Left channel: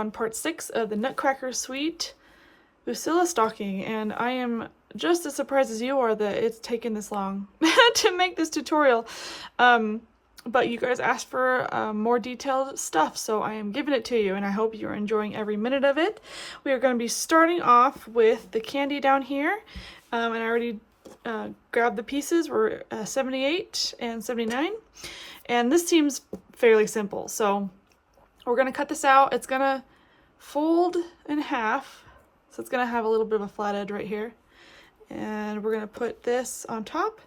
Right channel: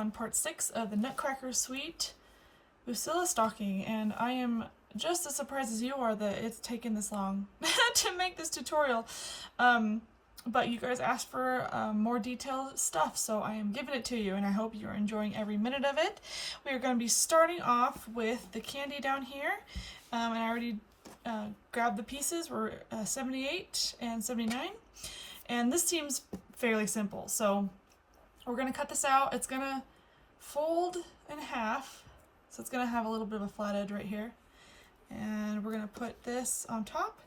on part 6 of the Nutcracker Suite Bucilla stocking, and I am just as surprised as you are that it's taken this long to make this tutorial. But you guys asked for more detailed stuff, so I am giving it to you, and I hope you're enjoying every minute of it. We are going to be starting off with the candy down here, and I already grabbed the pieces. We're 78 and 79, and this seems fairly simple, so we're going to cut this out. It's going to fold in half, so it's going to have a little bit of a flat edge right here, and we're going to put this on top.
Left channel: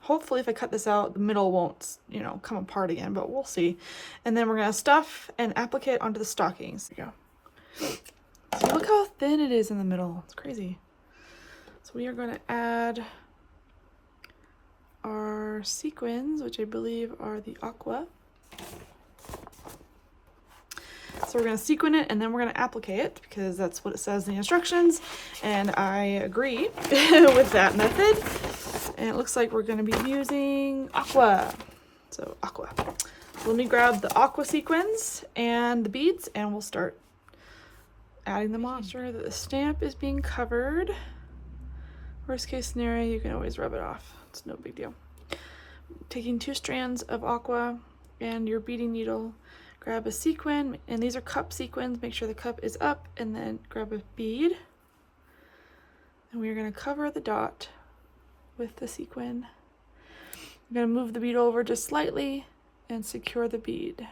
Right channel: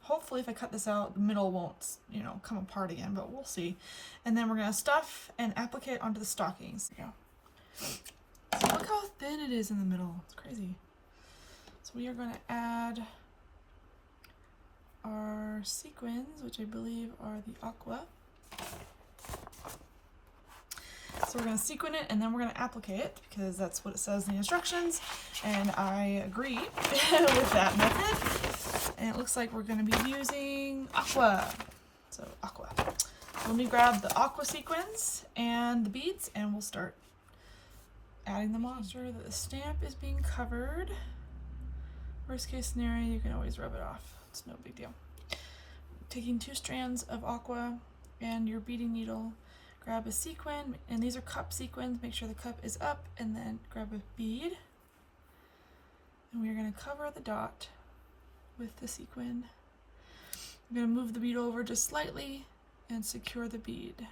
Hopefully if I cut this out, the middle won't, you know, come apart again, but we'll see. And then we're going to stuff and applique it onto the stockings. There you go. So look how thin it is in the middle. It's crazy. So we are going to add our sequins, which I believe are the aqua. So we're going to sequin it, and then we're going to applique it, because that's what it says in the instructions, and I agree with that method. And it looks like we're going to be using aqua. So aqua. So let me grab the aqua sequins and the beads, and we'll start adding them on. Make sure that the stamp is being covered. Worst case scenario, you can always rub it off. It's no big deal. Taking 2 strands of aqua and your beading needle, grab a sequin, and these are cup sequins. Make sure the cup is up, and then grab a bead. And we're going to cover the dot with the sequin. I'm going to move the bead over just slightly and secure the bead.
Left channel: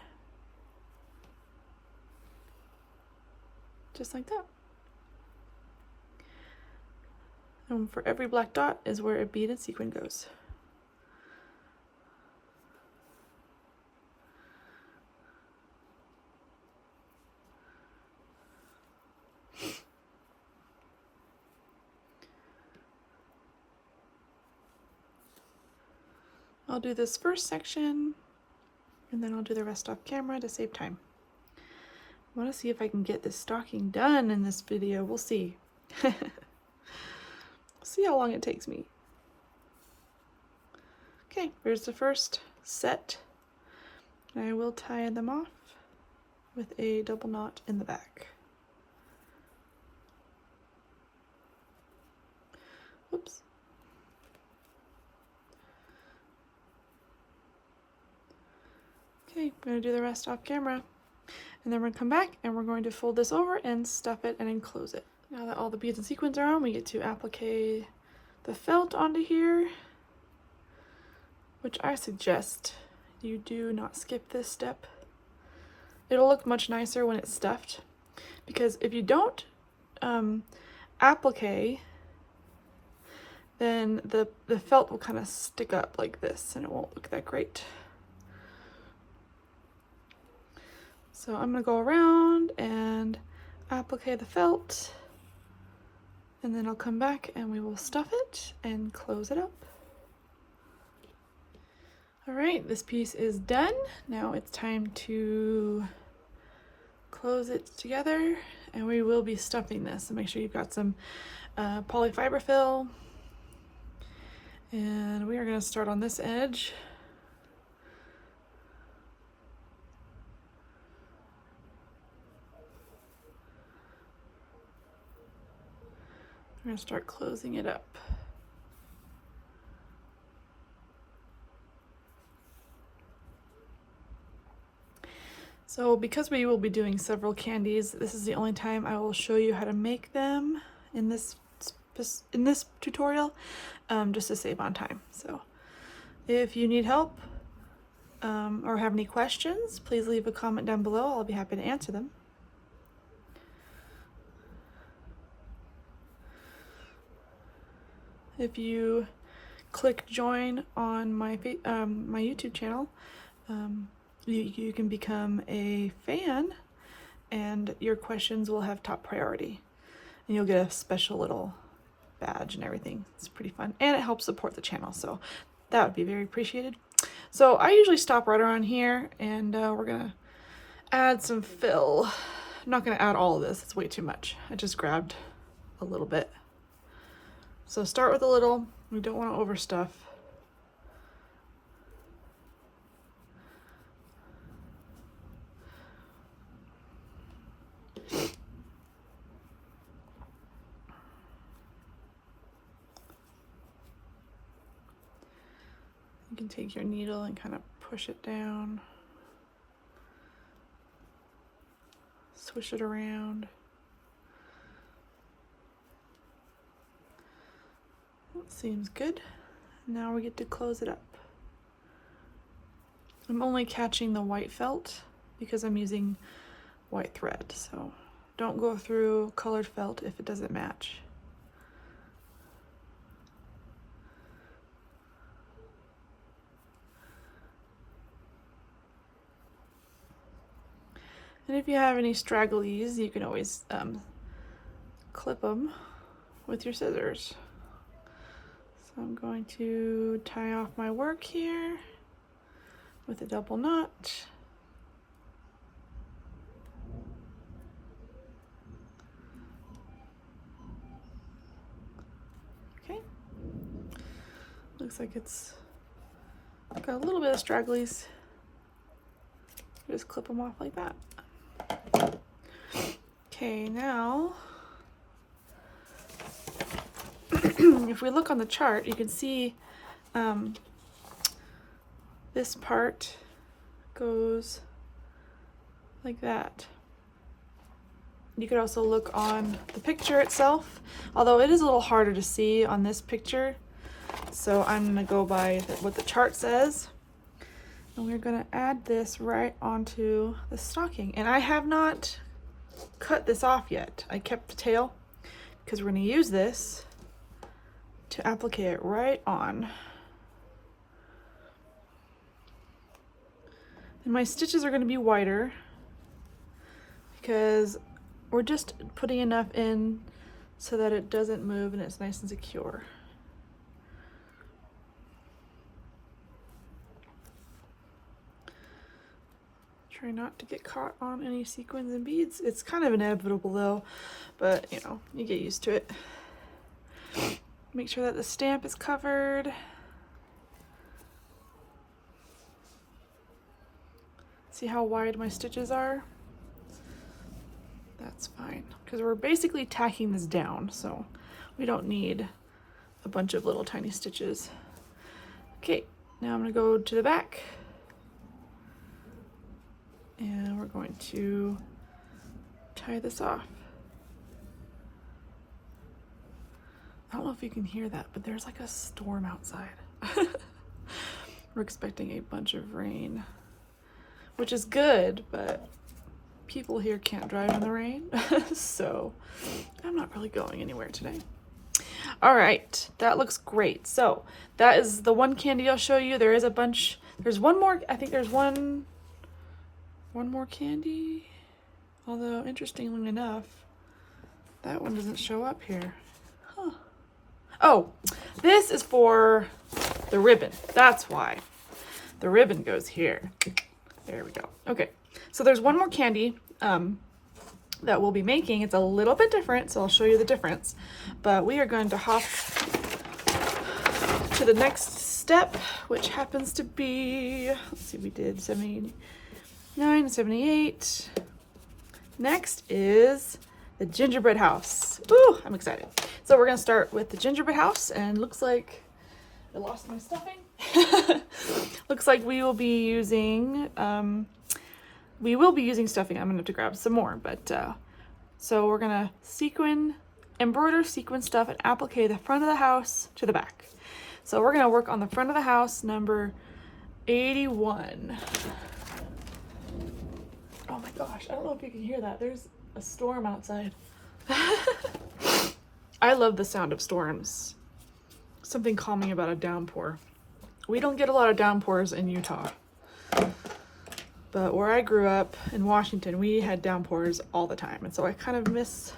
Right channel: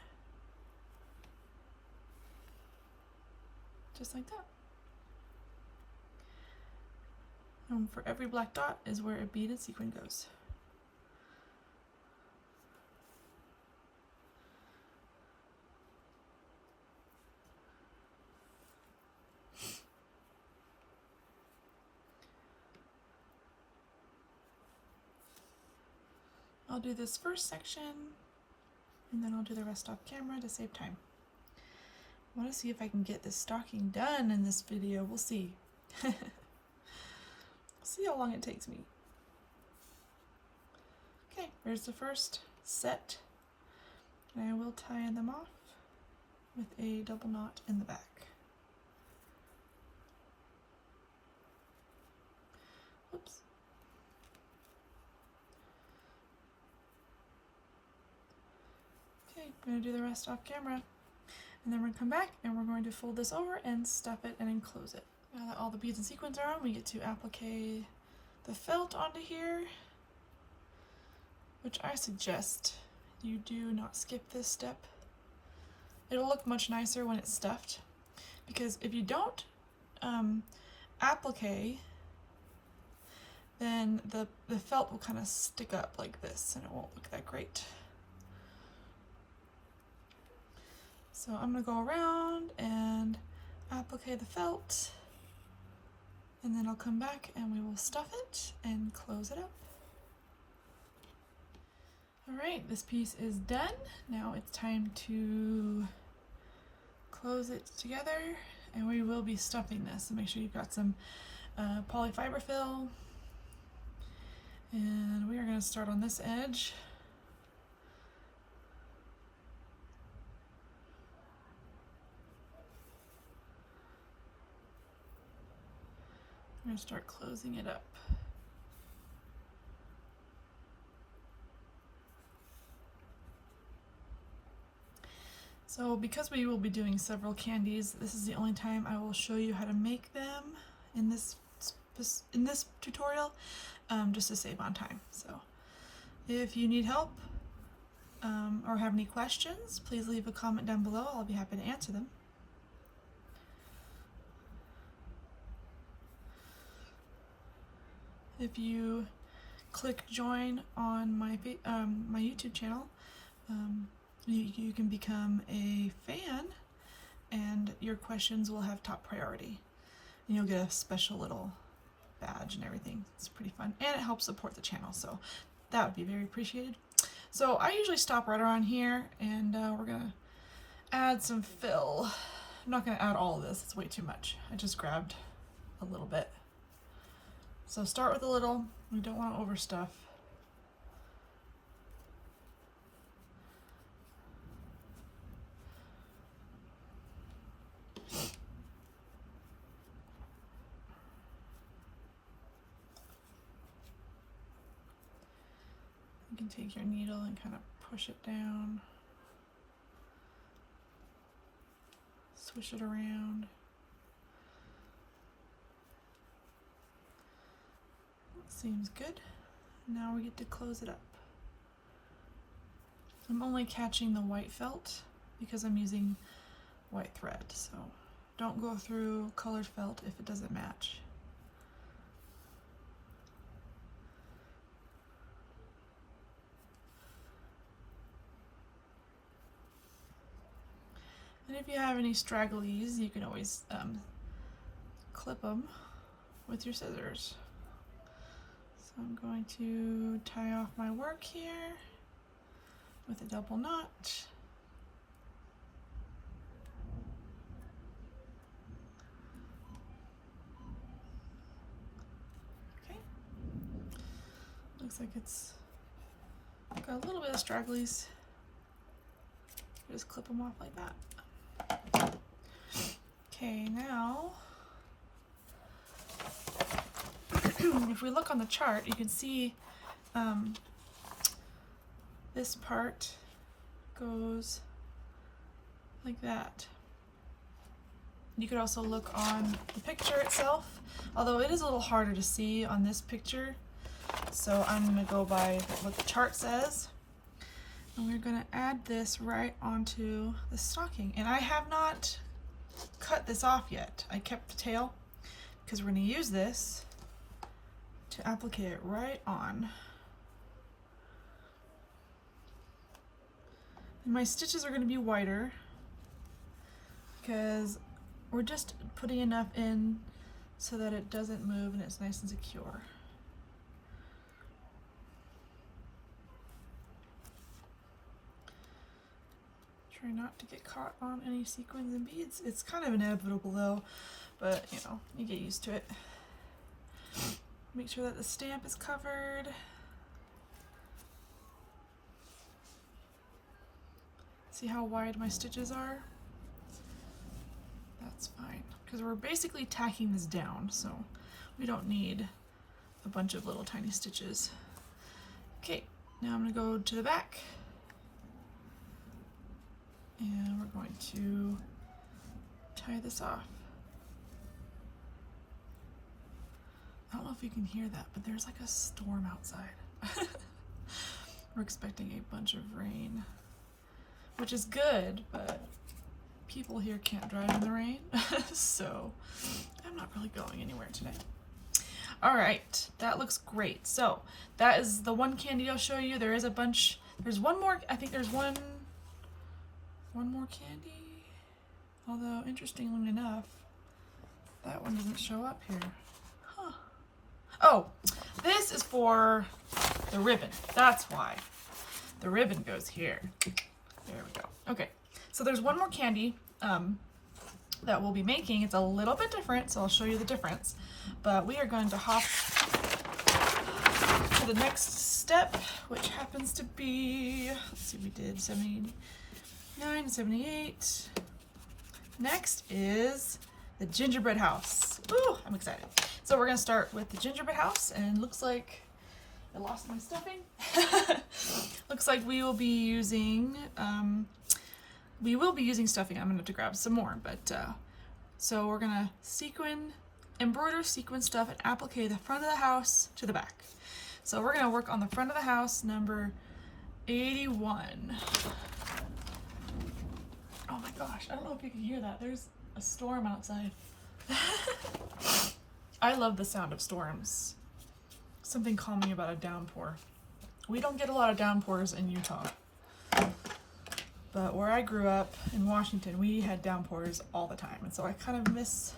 Just like that. And for every black dot is where a beaded sequin goes. I'll do this first section, and then I'll do the rest off camera to save time. I want to see if I can get this stocking done in this video. We'll see. See how long it takes me. Okay, here's the first set. I will tie them off with a double knot in the back. Whoops. Okay, I'm going to do the rest off camera, and then we're going to come back and we're going to fold this over and stuff it and enclose it. Now that all the beads and sequins are on, we get to applique the felt onto here, which I suggest you do not skip this step. It'll look much nicer when it's stuffed, because if you don't applique, then the felt will kind of stick up like this and it won't look that great. So I'm going to go around and applique the felt, and then I'll come back and we will stuff it and close it up. All right, this piece is done. Now it's time to close it together, and we will be stuffing this. So make sure you've got some polyfiber fill, and we are going to start on this edge. We're going to start closing it up. So because we will be doing several candies, this is the only time I will show you how to make them in this tutorial, just to save on time. So if you need help or have any questions, please leave a comment down below. I'll be happy to answer them. If you click join on my my YouTube channel, you can become a fan, and your questions will have top priority, and you'll get a special little badge and everything. It's pretty fun, and it helps support the channel, so that would be very appreciated. So I usually stop right around here, and we're gonna add some fill. I'm not gonna add all of this, it's way too much. I just grabbed a little bit. So start with a little, we don't want to overstuff. can take your needle and kind of push it down, swish it around. That seems good. Now we get to close it up. I'm only catching the white felt because I'm using white thread, so don't go through colored felt if it doesn't match. And if you have any stragglies, you can always clip them with your scissors. So I'm going to tie off my work here with a double knot. Okay. Looks like it's got a little bit of stragglies. Just clip them off like that. Okay, now if we look on the chart, you can see this part goes like that. You could also look on the picture itself, although it is a little harder to see on this picture, so I'm going to go by what the chart says. And we're going to add this right onto the stocking. And I have not cut this off yet. I kept the tail because we're going to use this to apply it right on. And my stitches are going to be wider because we're just putting enough in so that it doesn't move and it's nice and secure. Try not to get caught on any sequins and beads. It's kind of inevitable though, but you know, you get used to it. Make sure that the stamp is covered. See how wide my stitches are? That's fine, because we're basically tacking this down, so we don't need a bunch of little tiny stitches. Okay, now I'm gonna go to the back. And we're going to tie this off. I don't know if you can hear that, but there's like a storm outside. We're expecting a bunch of rain, which is good, but people here can't drive in the rain, so I'm not really going anywhere today. All right, that looks great. So that is the one candy I'll show you. There is a bunch, there's one more, I think there's one more candy, although interestingly enough, that one doesn't show up here. Huh. Oh, this is for the ribbon. That's why. The ribbon goes here. There we go. Okay, so there's one more candy that we'll be making. It's a little bit different, so I'll show you the difference. But we are going to hop to the next step, which happens to be, let's see, we did 79, 78. Next is the gingerbread house. Ooh, I'm excited. So we're gonna start with the gingerbread house, and looks like I lost my stuffing. Looks like we will be using stuffing. I'm gonna have to grab some more, but so we're gonna embroider sequin stuff and applique the front of the house to the back. So we're gonna work on the front of the house, number 81. Oh my gosh, I don't know if you can hear that. There's a storm outside. I love the sound of storms. Something calming about a downpour. We don't get a lot of downpours in Utah. But where I grew up in Washington, we had downpours all the time. And so I kind of miss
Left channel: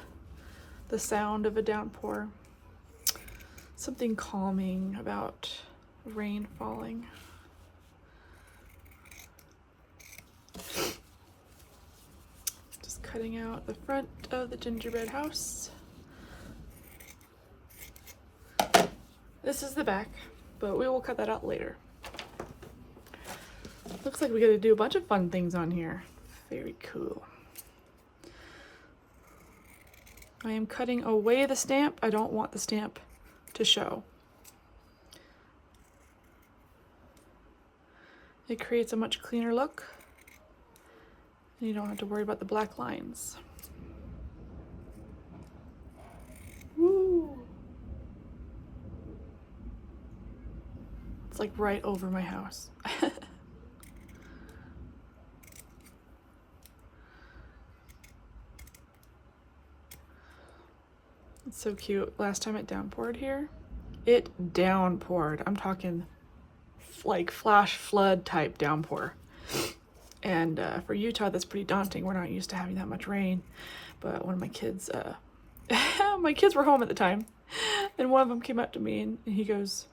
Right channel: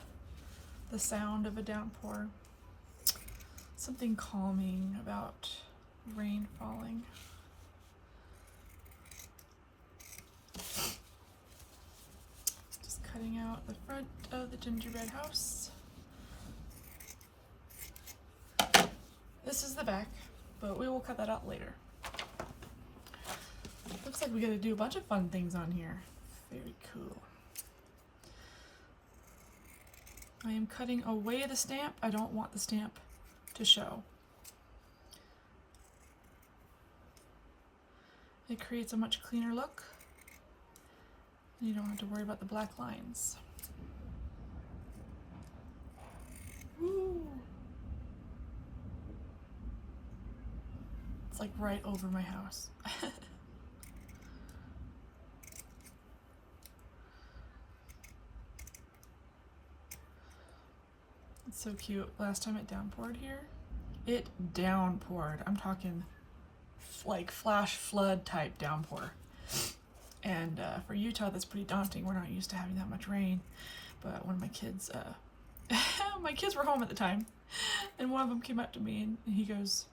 the sound of a downpour. Something calming about rain falling. Just cutting out the front of the gingerbread house. This is the back, but we will cut that out later. Looks like we gotta do a bunch of fun things on here. Very cool. I am cutting away the stamp. I don't want the stamp to show. It creates a much cleaner look. And you don't have to worry about the black lines. Woo! It's like right over my house. It's so cute. Last time it downpoured here, it downpoured. I'm talking like flash flood type downpour. And for Utah, that's pretty daunting. We're not used to having that much rain. But one of my kids, my kids were home at the time, and one of them came up to me and he goes,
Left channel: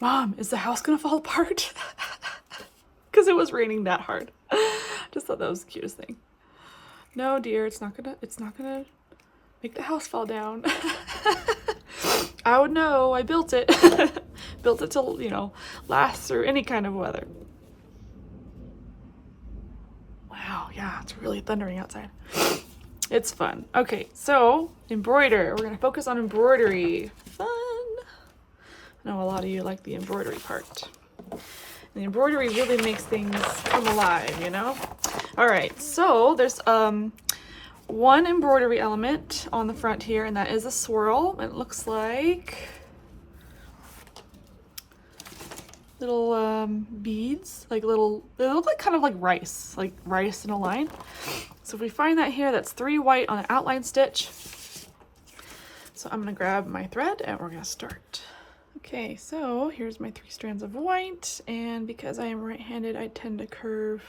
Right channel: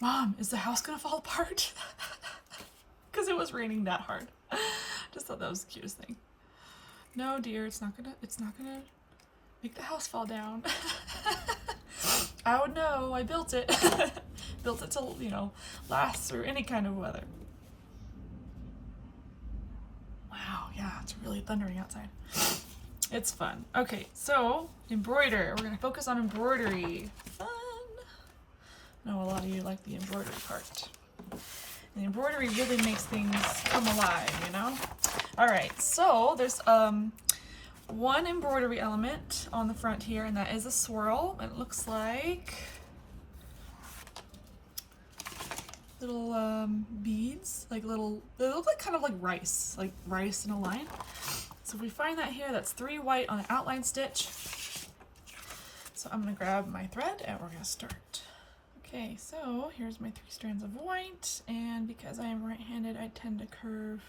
"Mom, is the house gonna fall apart?" Because it was raining that hard. Just thought that was the cutest thing. No, dear, it's not gonna make the house fall down. I would know. I built it. Built it to, you know, last through any kind of weather. Wow, yeah, it's really thundering outside. It's fun. Okay, so embroider. We're gonna focus on embroidery. Fun. I know a lot of you like the embroidery part. The embroidery really makes things come alive, you know? All right, so there's one embroidery element on the front here, and that is a swirl. It looks like little beads, like little, they look like kind of like rice in a line. So if we find that here, that's 3 white on an outline stitch. So I'm gonna grab my thread and we're gonna start. Okay, so here's my 3 strands of white, and because I am right-handed, I tend to curve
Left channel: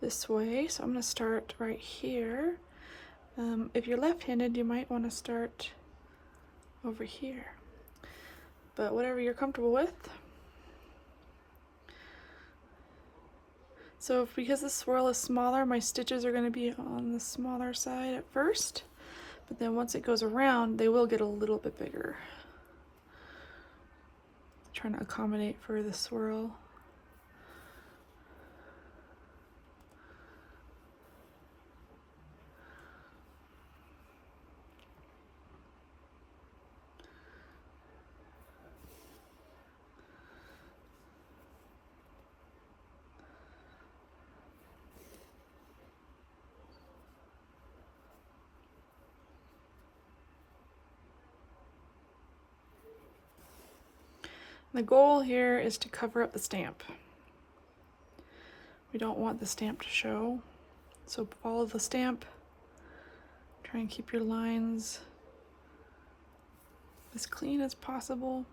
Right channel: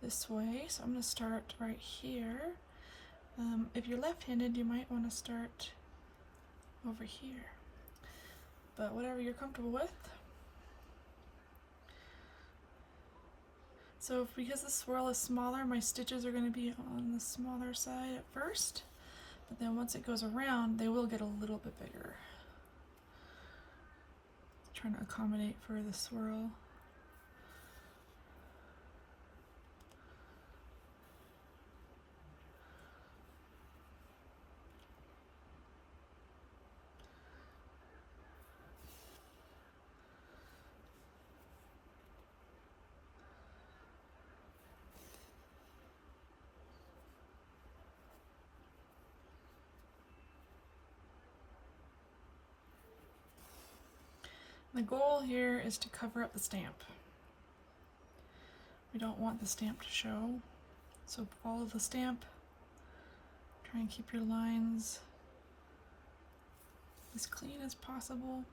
this way. So I'm gonna start right here. If you're left-handed, you might want to start over here, but whatever you're comfortable with. So because the swirl is smaller, my stitches are going to be on the smaller side at first, but then once it goes around, they will get a little bit bigger. Trying to accommodate for the swirl. The goal here is to cover up the stamp. We don't want the stamp to show, so follow the stamp. Try and keep your lines as clean as possible.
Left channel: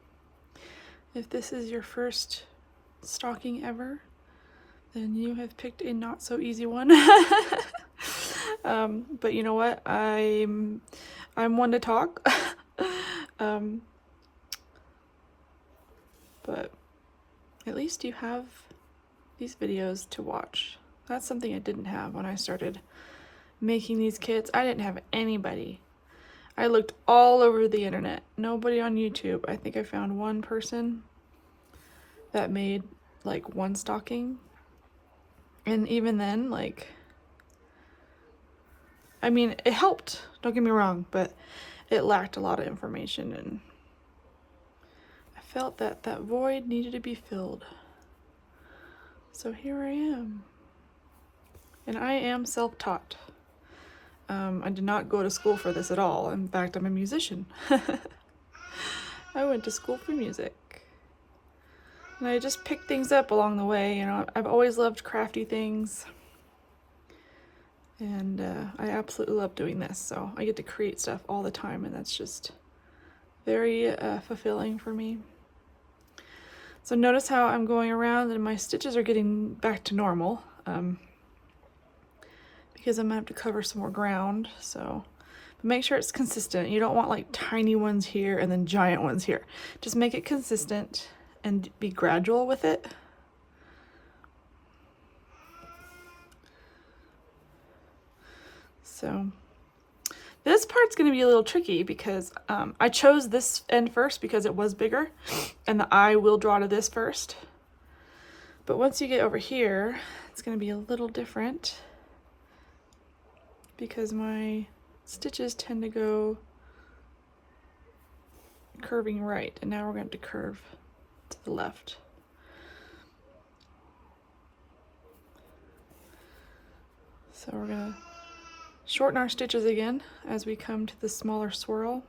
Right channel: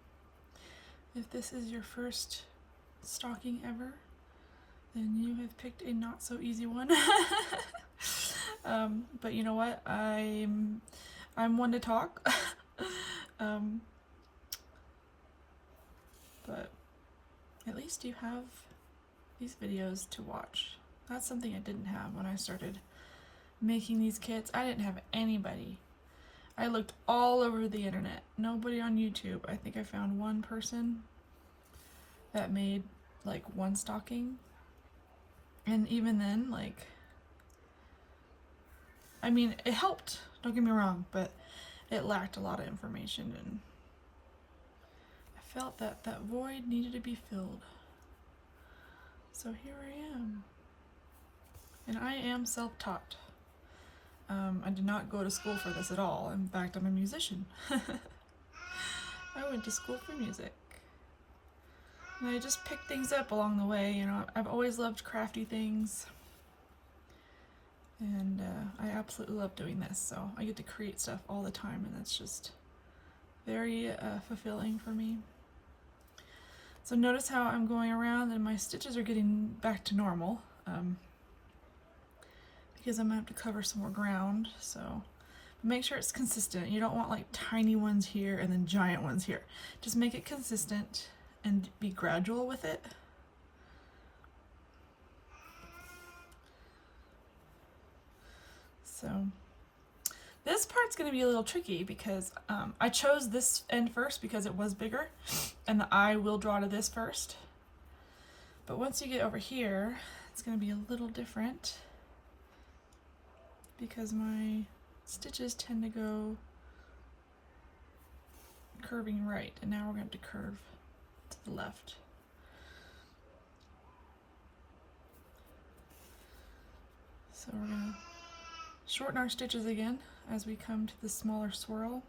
If this is your first stocking ever, then you have picked a not so easy one. But you know what? I'm one to talk. But at least you have these videos to watch. That's something I didn't have when I started making these kits. I didn't have anybody. I looked all over the internet. Nobody on YouTube. I think I found one person that made like one stocking. And even then, like, I mean, it helped, don't get me wrong, but it lacked a lot of information, and I felt that that void needed to be filled. So here I am. And I am self-taught. I did not go to school for this at all. In fact, I'm a musician. I went to school for music. And I just picked things up along the way. You know, I've always loved crafty things. And I absolutely love doing this. So I get to create stuff all the time, and that's just very fulfilling for me. So notice how I'm going around and my stitches are getting back to normal. Because I'm gonna have to cover some more ground, so but make sure it's consistent. You don't want like tiny ones here and then giant ones here. Just make it consistent and be gradual with it. So this part's gonna be a little tricky because I chose this end first because it was bigger, and the eye will draw to this first. But once you get over here, it's gonna be a little different, because my stitches tend to go curving right, and now we're going to curve to the left. So we're gonna shorten our stitches again as we come to the smaller swirl.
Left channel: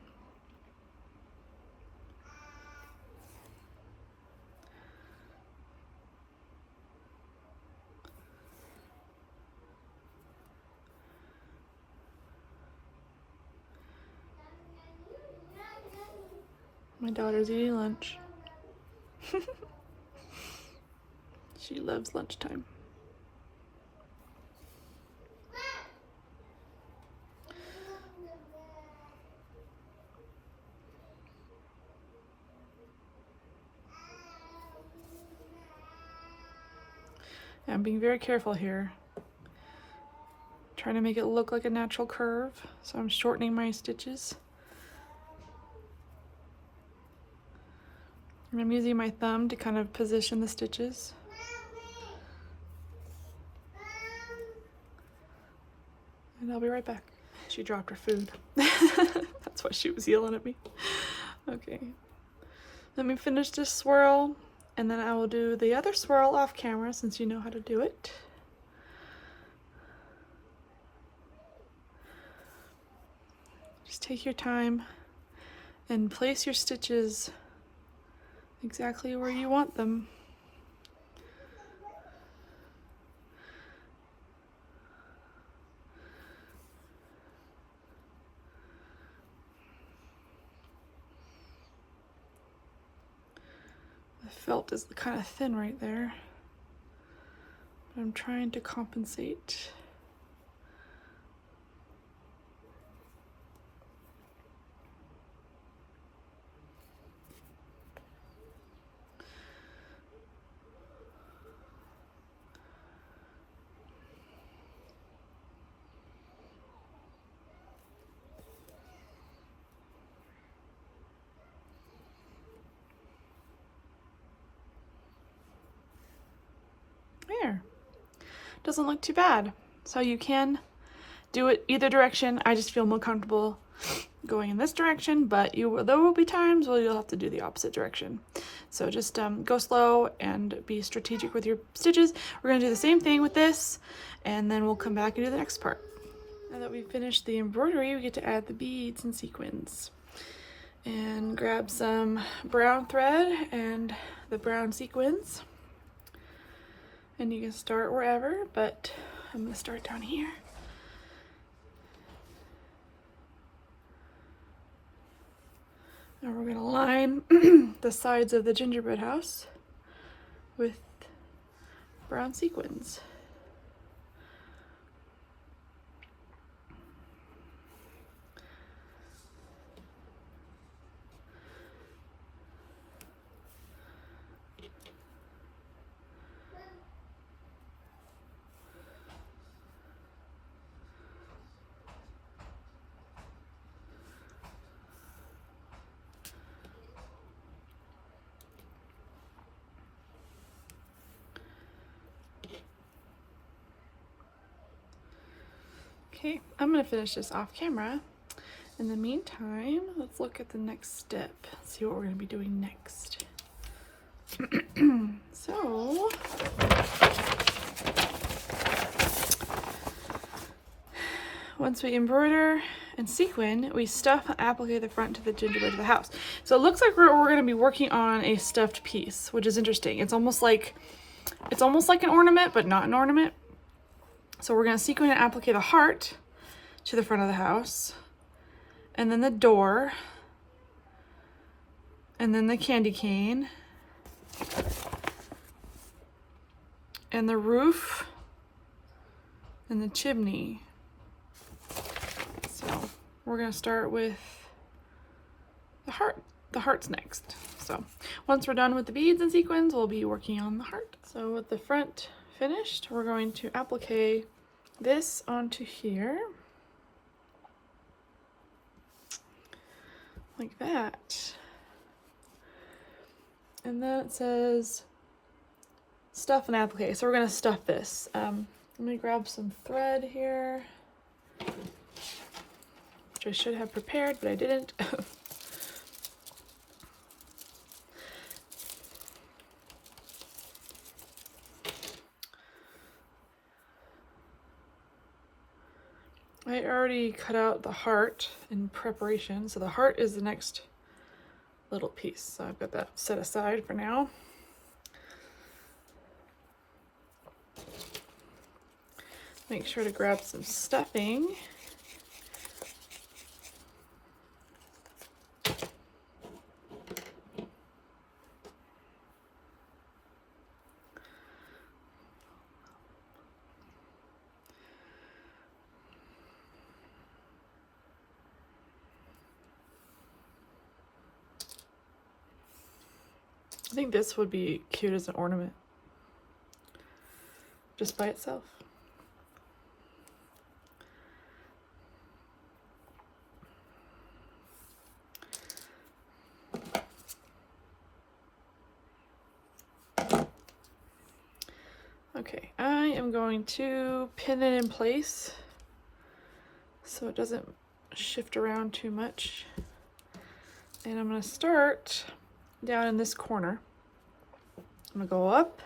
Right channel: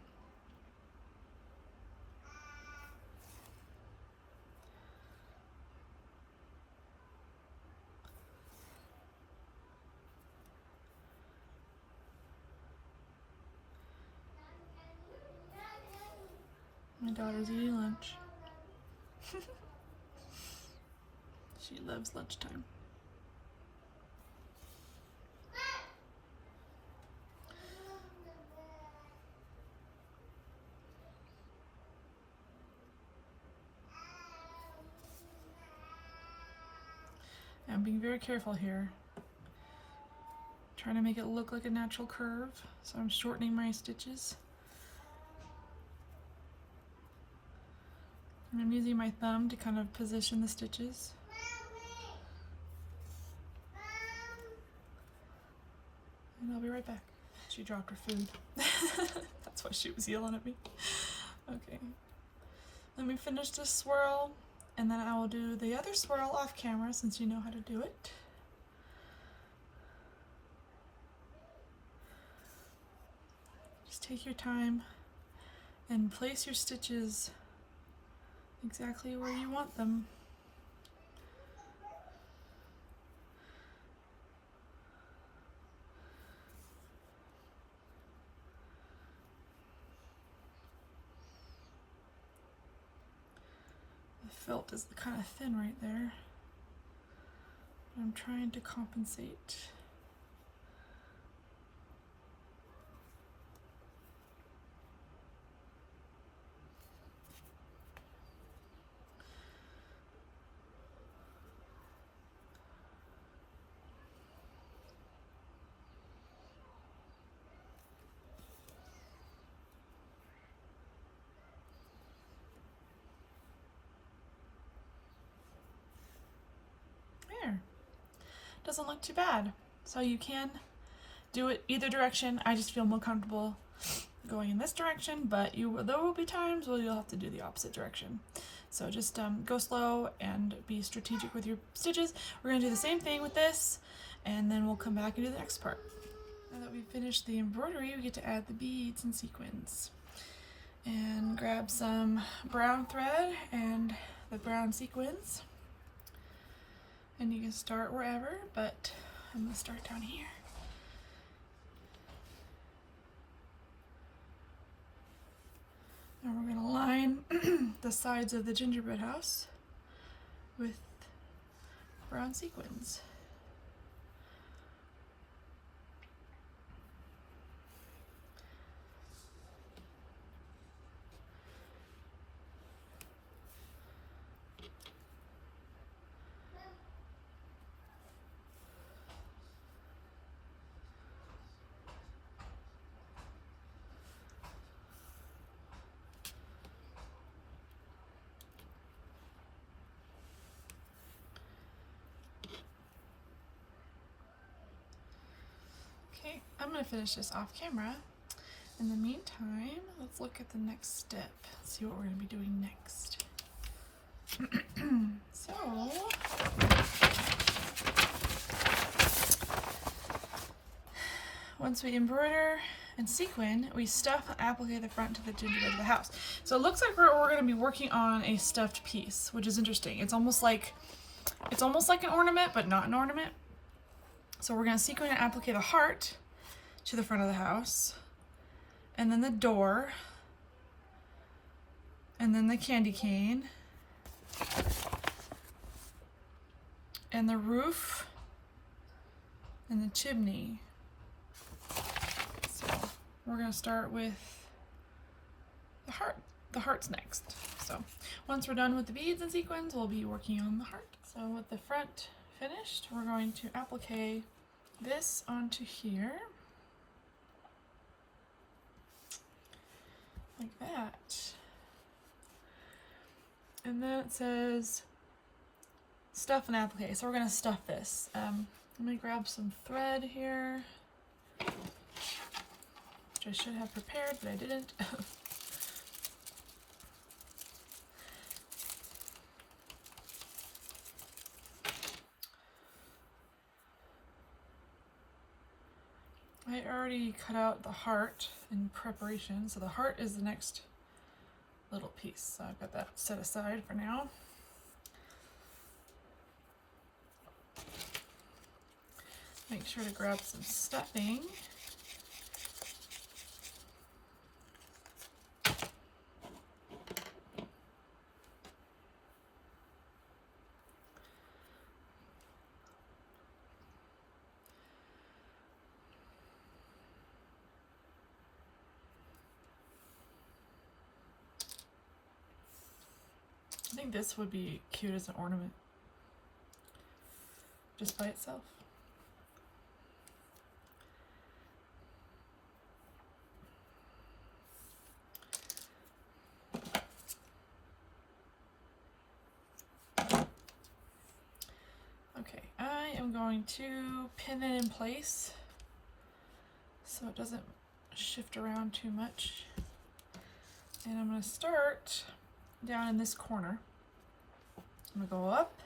My daughter's eating lunch. She loves lunchtime. I'm being very careful here. Trying to make it look like a natural curve, so I'm shortening my stitches. And I'm using my thumb to kind of position the stitches. And I'll be right back. She dropped her food. That's why she was yelling at me. Okay. Let me finish this swirl, and then I will do the other swirl off camera since you know how to do it. Just take your time and place your stitches exactly where you want them. The felt is kind of thin right there, but I'm trying to compensate. There. Doesn't look too bad. So you can do it either direction. I just feel more comfortable going in this direction, but there will be times where you'll have to do the opposite direction. So just go slow and be strategic with your stitches. We're gonna do the same thing with this, and then we'll come back and do the next part. Now that we've finished the embroidery, we get to add the beads and sequins. And grab some brown thread and the brown sequins. And you can start wherever, but I'm gonna start down here. And we're gonna line the sides of the gingerbread house with brown sequins. Okay, I'm gonna finish this off camera. In the meantime, let's look at the next step. Let's see what we're gonna be doing next. So, once we embroider and sequin, we stuff and applique the front to the gingerbread of the house. So it looks like we're gonna be working on a stuffed piece, which is interesting. It's almost like an ornament, but not an ornament. So we're gonna sequin and applique the heart to the front of the house, and then the door, and then the candy cane, and the roof, and the chimney. So we're gonna start with the heart. The heart's next. So once we're done with the beads and sequins, we'll be working on the heart. So with the front finished, we're going to applique this onto here, like that. And then it says stuff and applique. So we're gonna stuff this. I'm gonna grab some thread here, which I should have prepared, but I didn't. I already cut out the heart in preparation, so the heart is the next little piece. So I've got that set aside for now. Make sure to grab some stuffing. I think this would be cute as an ornament, just by itself. Okay, I am going to pin it in place so it doesn't shift around too much. And I'm going to start down in this corner. I'm going to go up,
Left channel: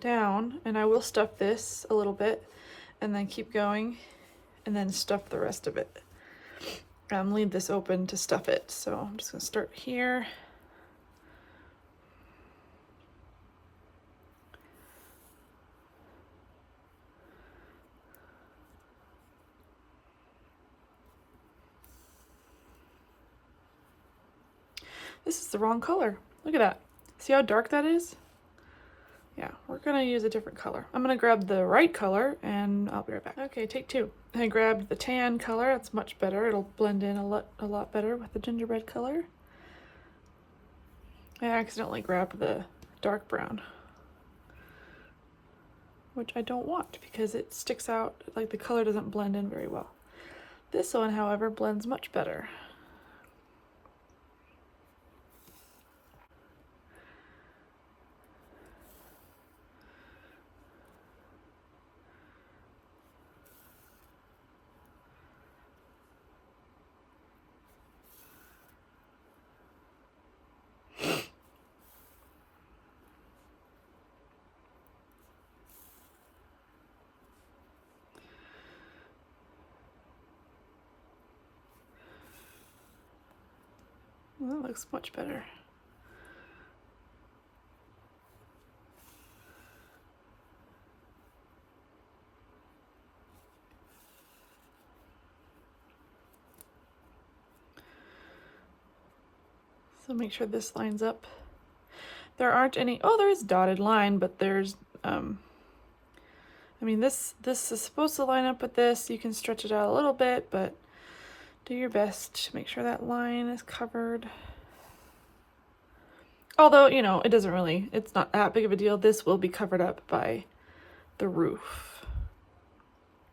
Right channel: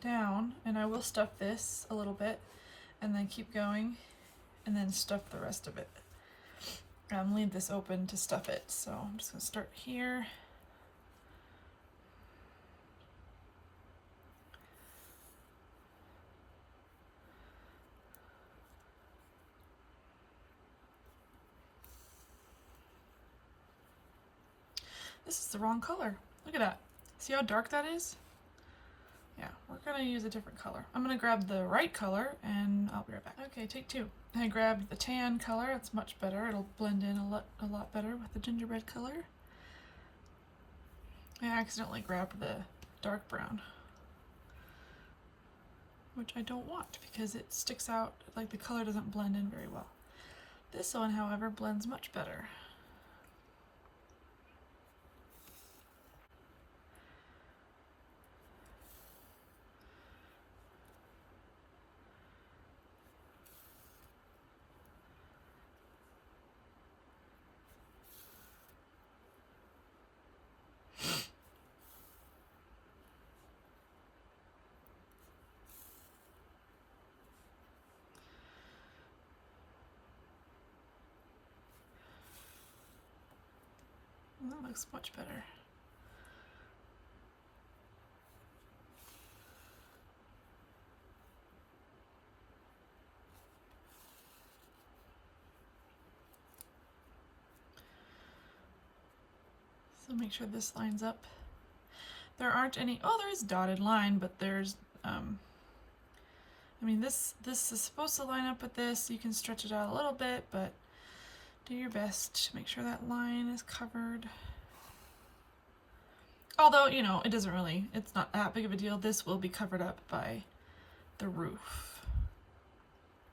down, and I will stuff this a little bit and then keep going and then stuff the rest of it. Leave this open to stuff it. So I'm just going to start here. This is the wrong color. Look at that. See how dark that is? Yeah, we're gonna use a different color. I'm gonna grab the right color and I'll be right back. Okay, take two. I grabbed the tan color. That's much better. It'll blend in a lot better with the gingerbread color. I accidentally grabbed the dark brown, which I don't want because it sticks out, like the color doesn't blend in very well. This one, however, blends much better. Well, that looks much better. So make sure this lines up. There aren't any, oh, there is dotted line, but there's, I mean, this is supposed to line up with this. You can stretch it out a little bit, but do your best to make sure that line is covered. Although, you know, it doesn't really, it's not that big of a deal. This will be covered up by the roof,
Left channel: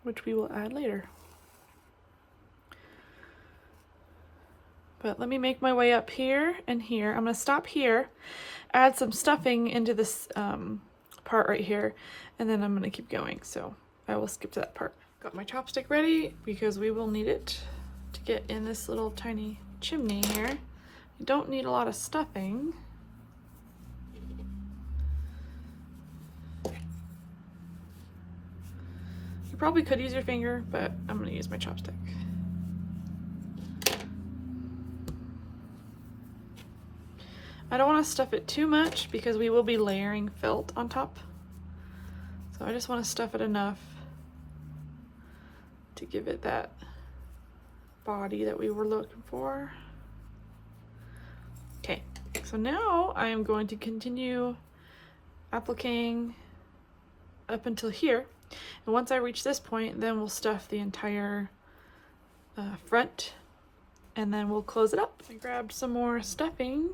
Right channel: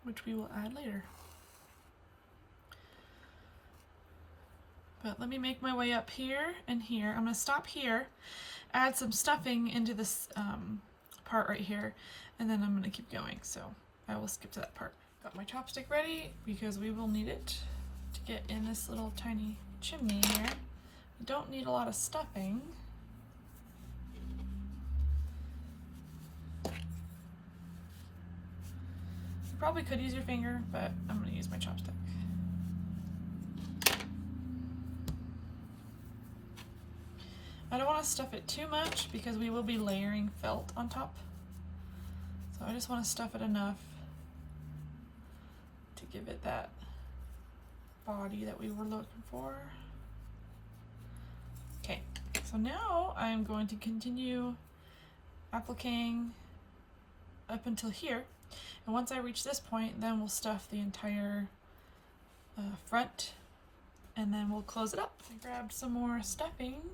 which we will add later. But let me make my way up here and here. I'm gonna stop here, add some stuffing into this part right here, and then I'm gonna keep going. So I will skip to that part. Got my chopstick ready because we will need it to get in this little tiny chimney here. You don't need a lot of stuffing. You probably could use your finger, but I'm gonna use my chopstick. I don't want to stuff it too much because we will be layering felt on top. So I just want to stuff it enough to give it that body that we were looking for. Okay, so now I am going to continue appliquing up until here. And once I reach this point, then we'll stuff the entire front and then we'll close it up. I grabbed some more stuffing.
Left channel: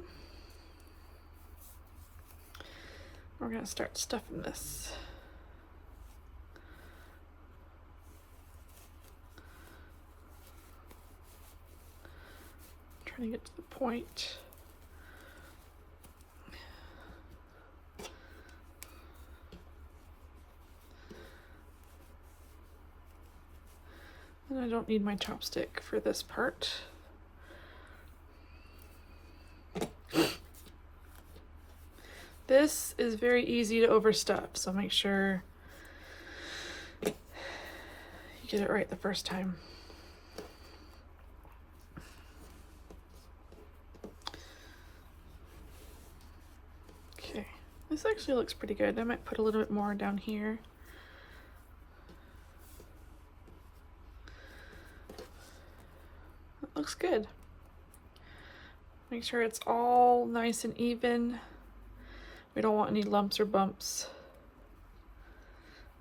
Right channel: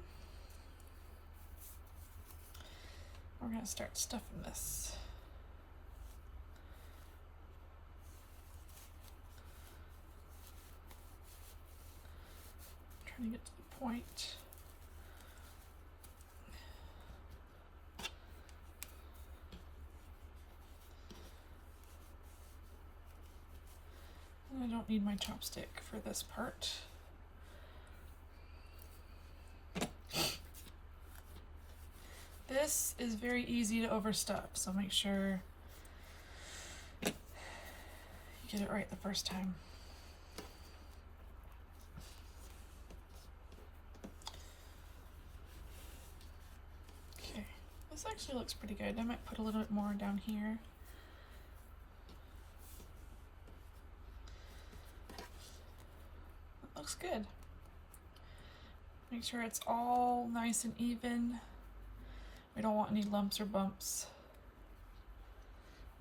We're gonna start stuffing this. Trying to get to the point. And I don't need my chopstick for this part. This is very easy to overstuff, so make sure you get it right the first time. Okay, this actually looks pretty good. I might put a little bit more down here. That looks good. Make sure it's all nice and even. We don't want any lumps or bumps.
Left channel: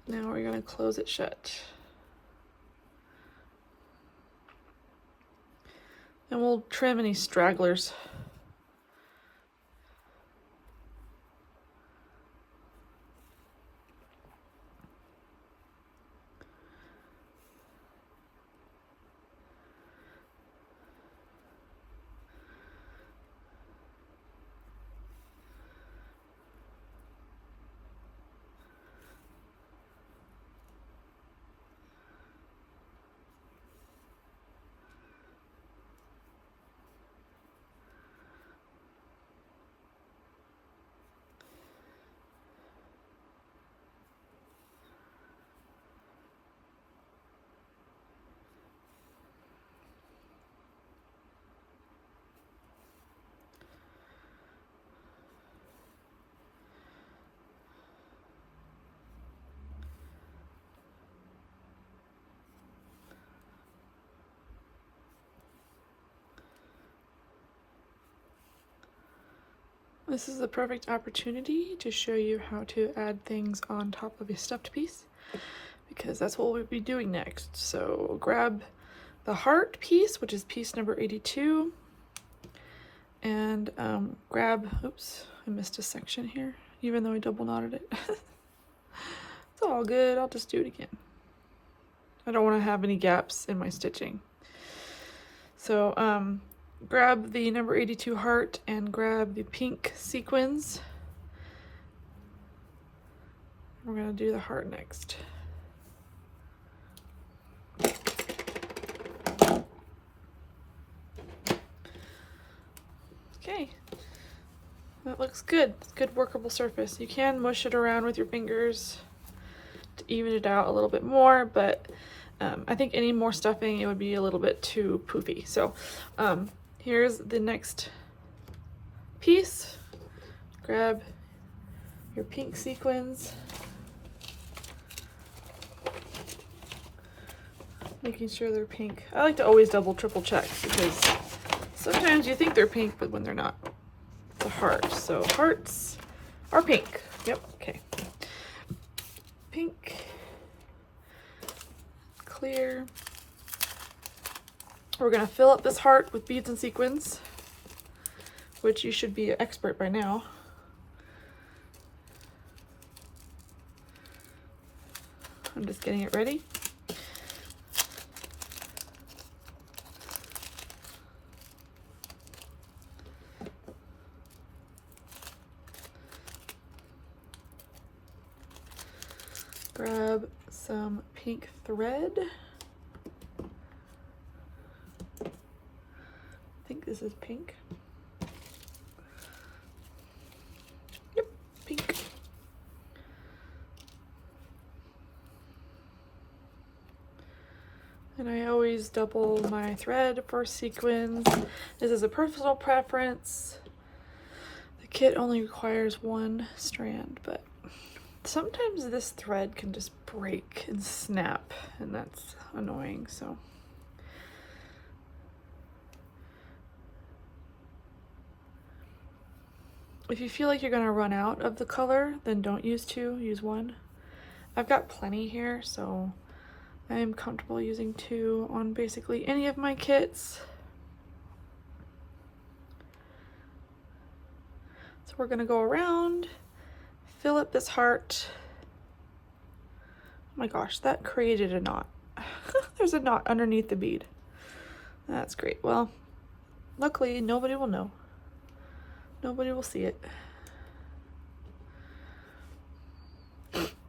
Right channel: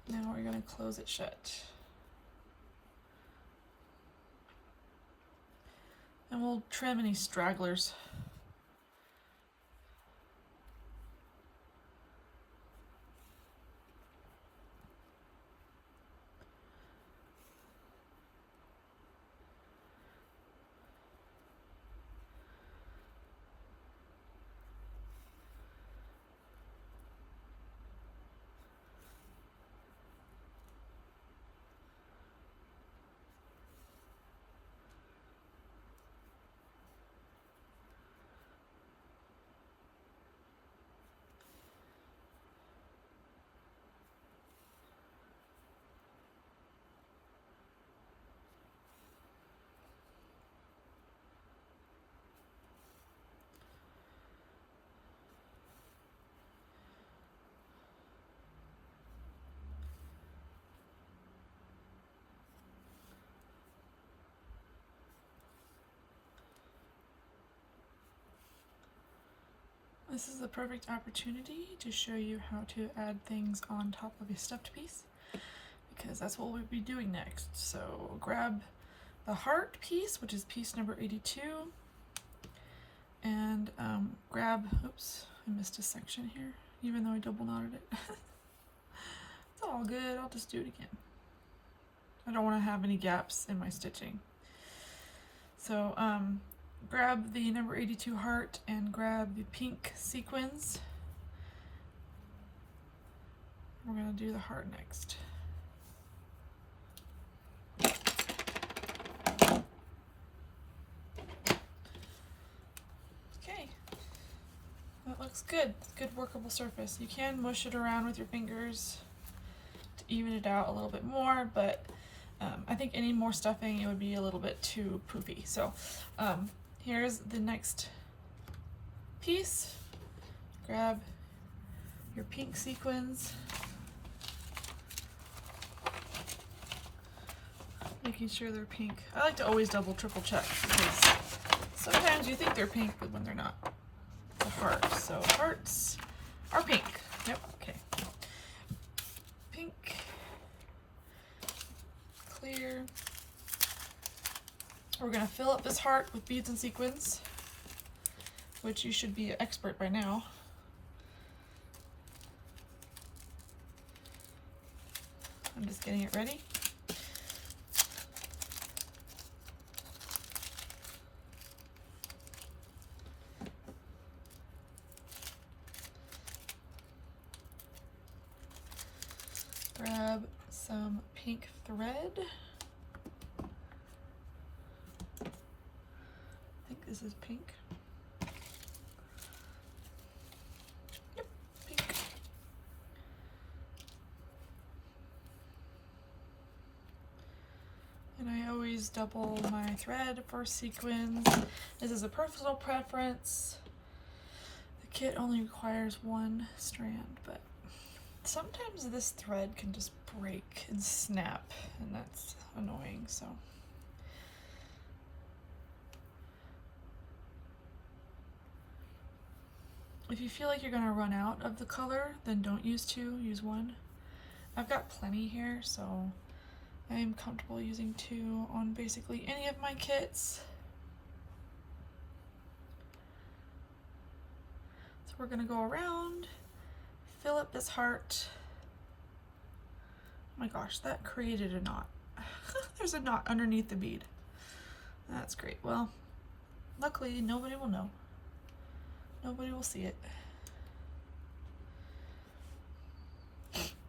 Now we're going to close it shut. And we'll trim any stragglers. This is the perfect opportunity to show you how to add things on top of a stuffed piece, because that's what we'll be doing next. So grab the heart piece, which is piece number 82, and grab, oops, I missed a section here, even though I double knotted it. It's all good, I'll just do it again. I don't want to have any gaps in my stitching. So grab the number 82 heart and grab the pink sequins. We're going to do the heart next. Okay, that looks good. It's a good workable surface. You can mush it around with your fingers to even it out a little bit more, but I think any more stuffing, it would be a little bit too poofy. So here's the next piece. Grab your pink sequins, making sure they're pink. I like to always double, triple check, because sometimes you think they're pink, but when they're not. It's a heart, so hearts are pink. Yep, okay. Pink, clear. We're gonna fill up this heart with beads and sequins, which you should be an expert by now. I'm just getting it ready. Grab some pink thread. I think this is pink. Yep, pink. And I always double my thread for sequins. This is a personal preference. The kit only requires one strand, but sometimes this thread can just break and snap, and that's annoying, so. If you feel like you're gonna run out of the color, then don't use two, use one. I've got plenty here, so I am comfortable using two on basically any of my kits. So we're gonna go around, fill up this heart. Oh my gosh, that created a knot. There's a knot underneath the bead. That's great. Well, luckily nobody will know. Nobody will see it.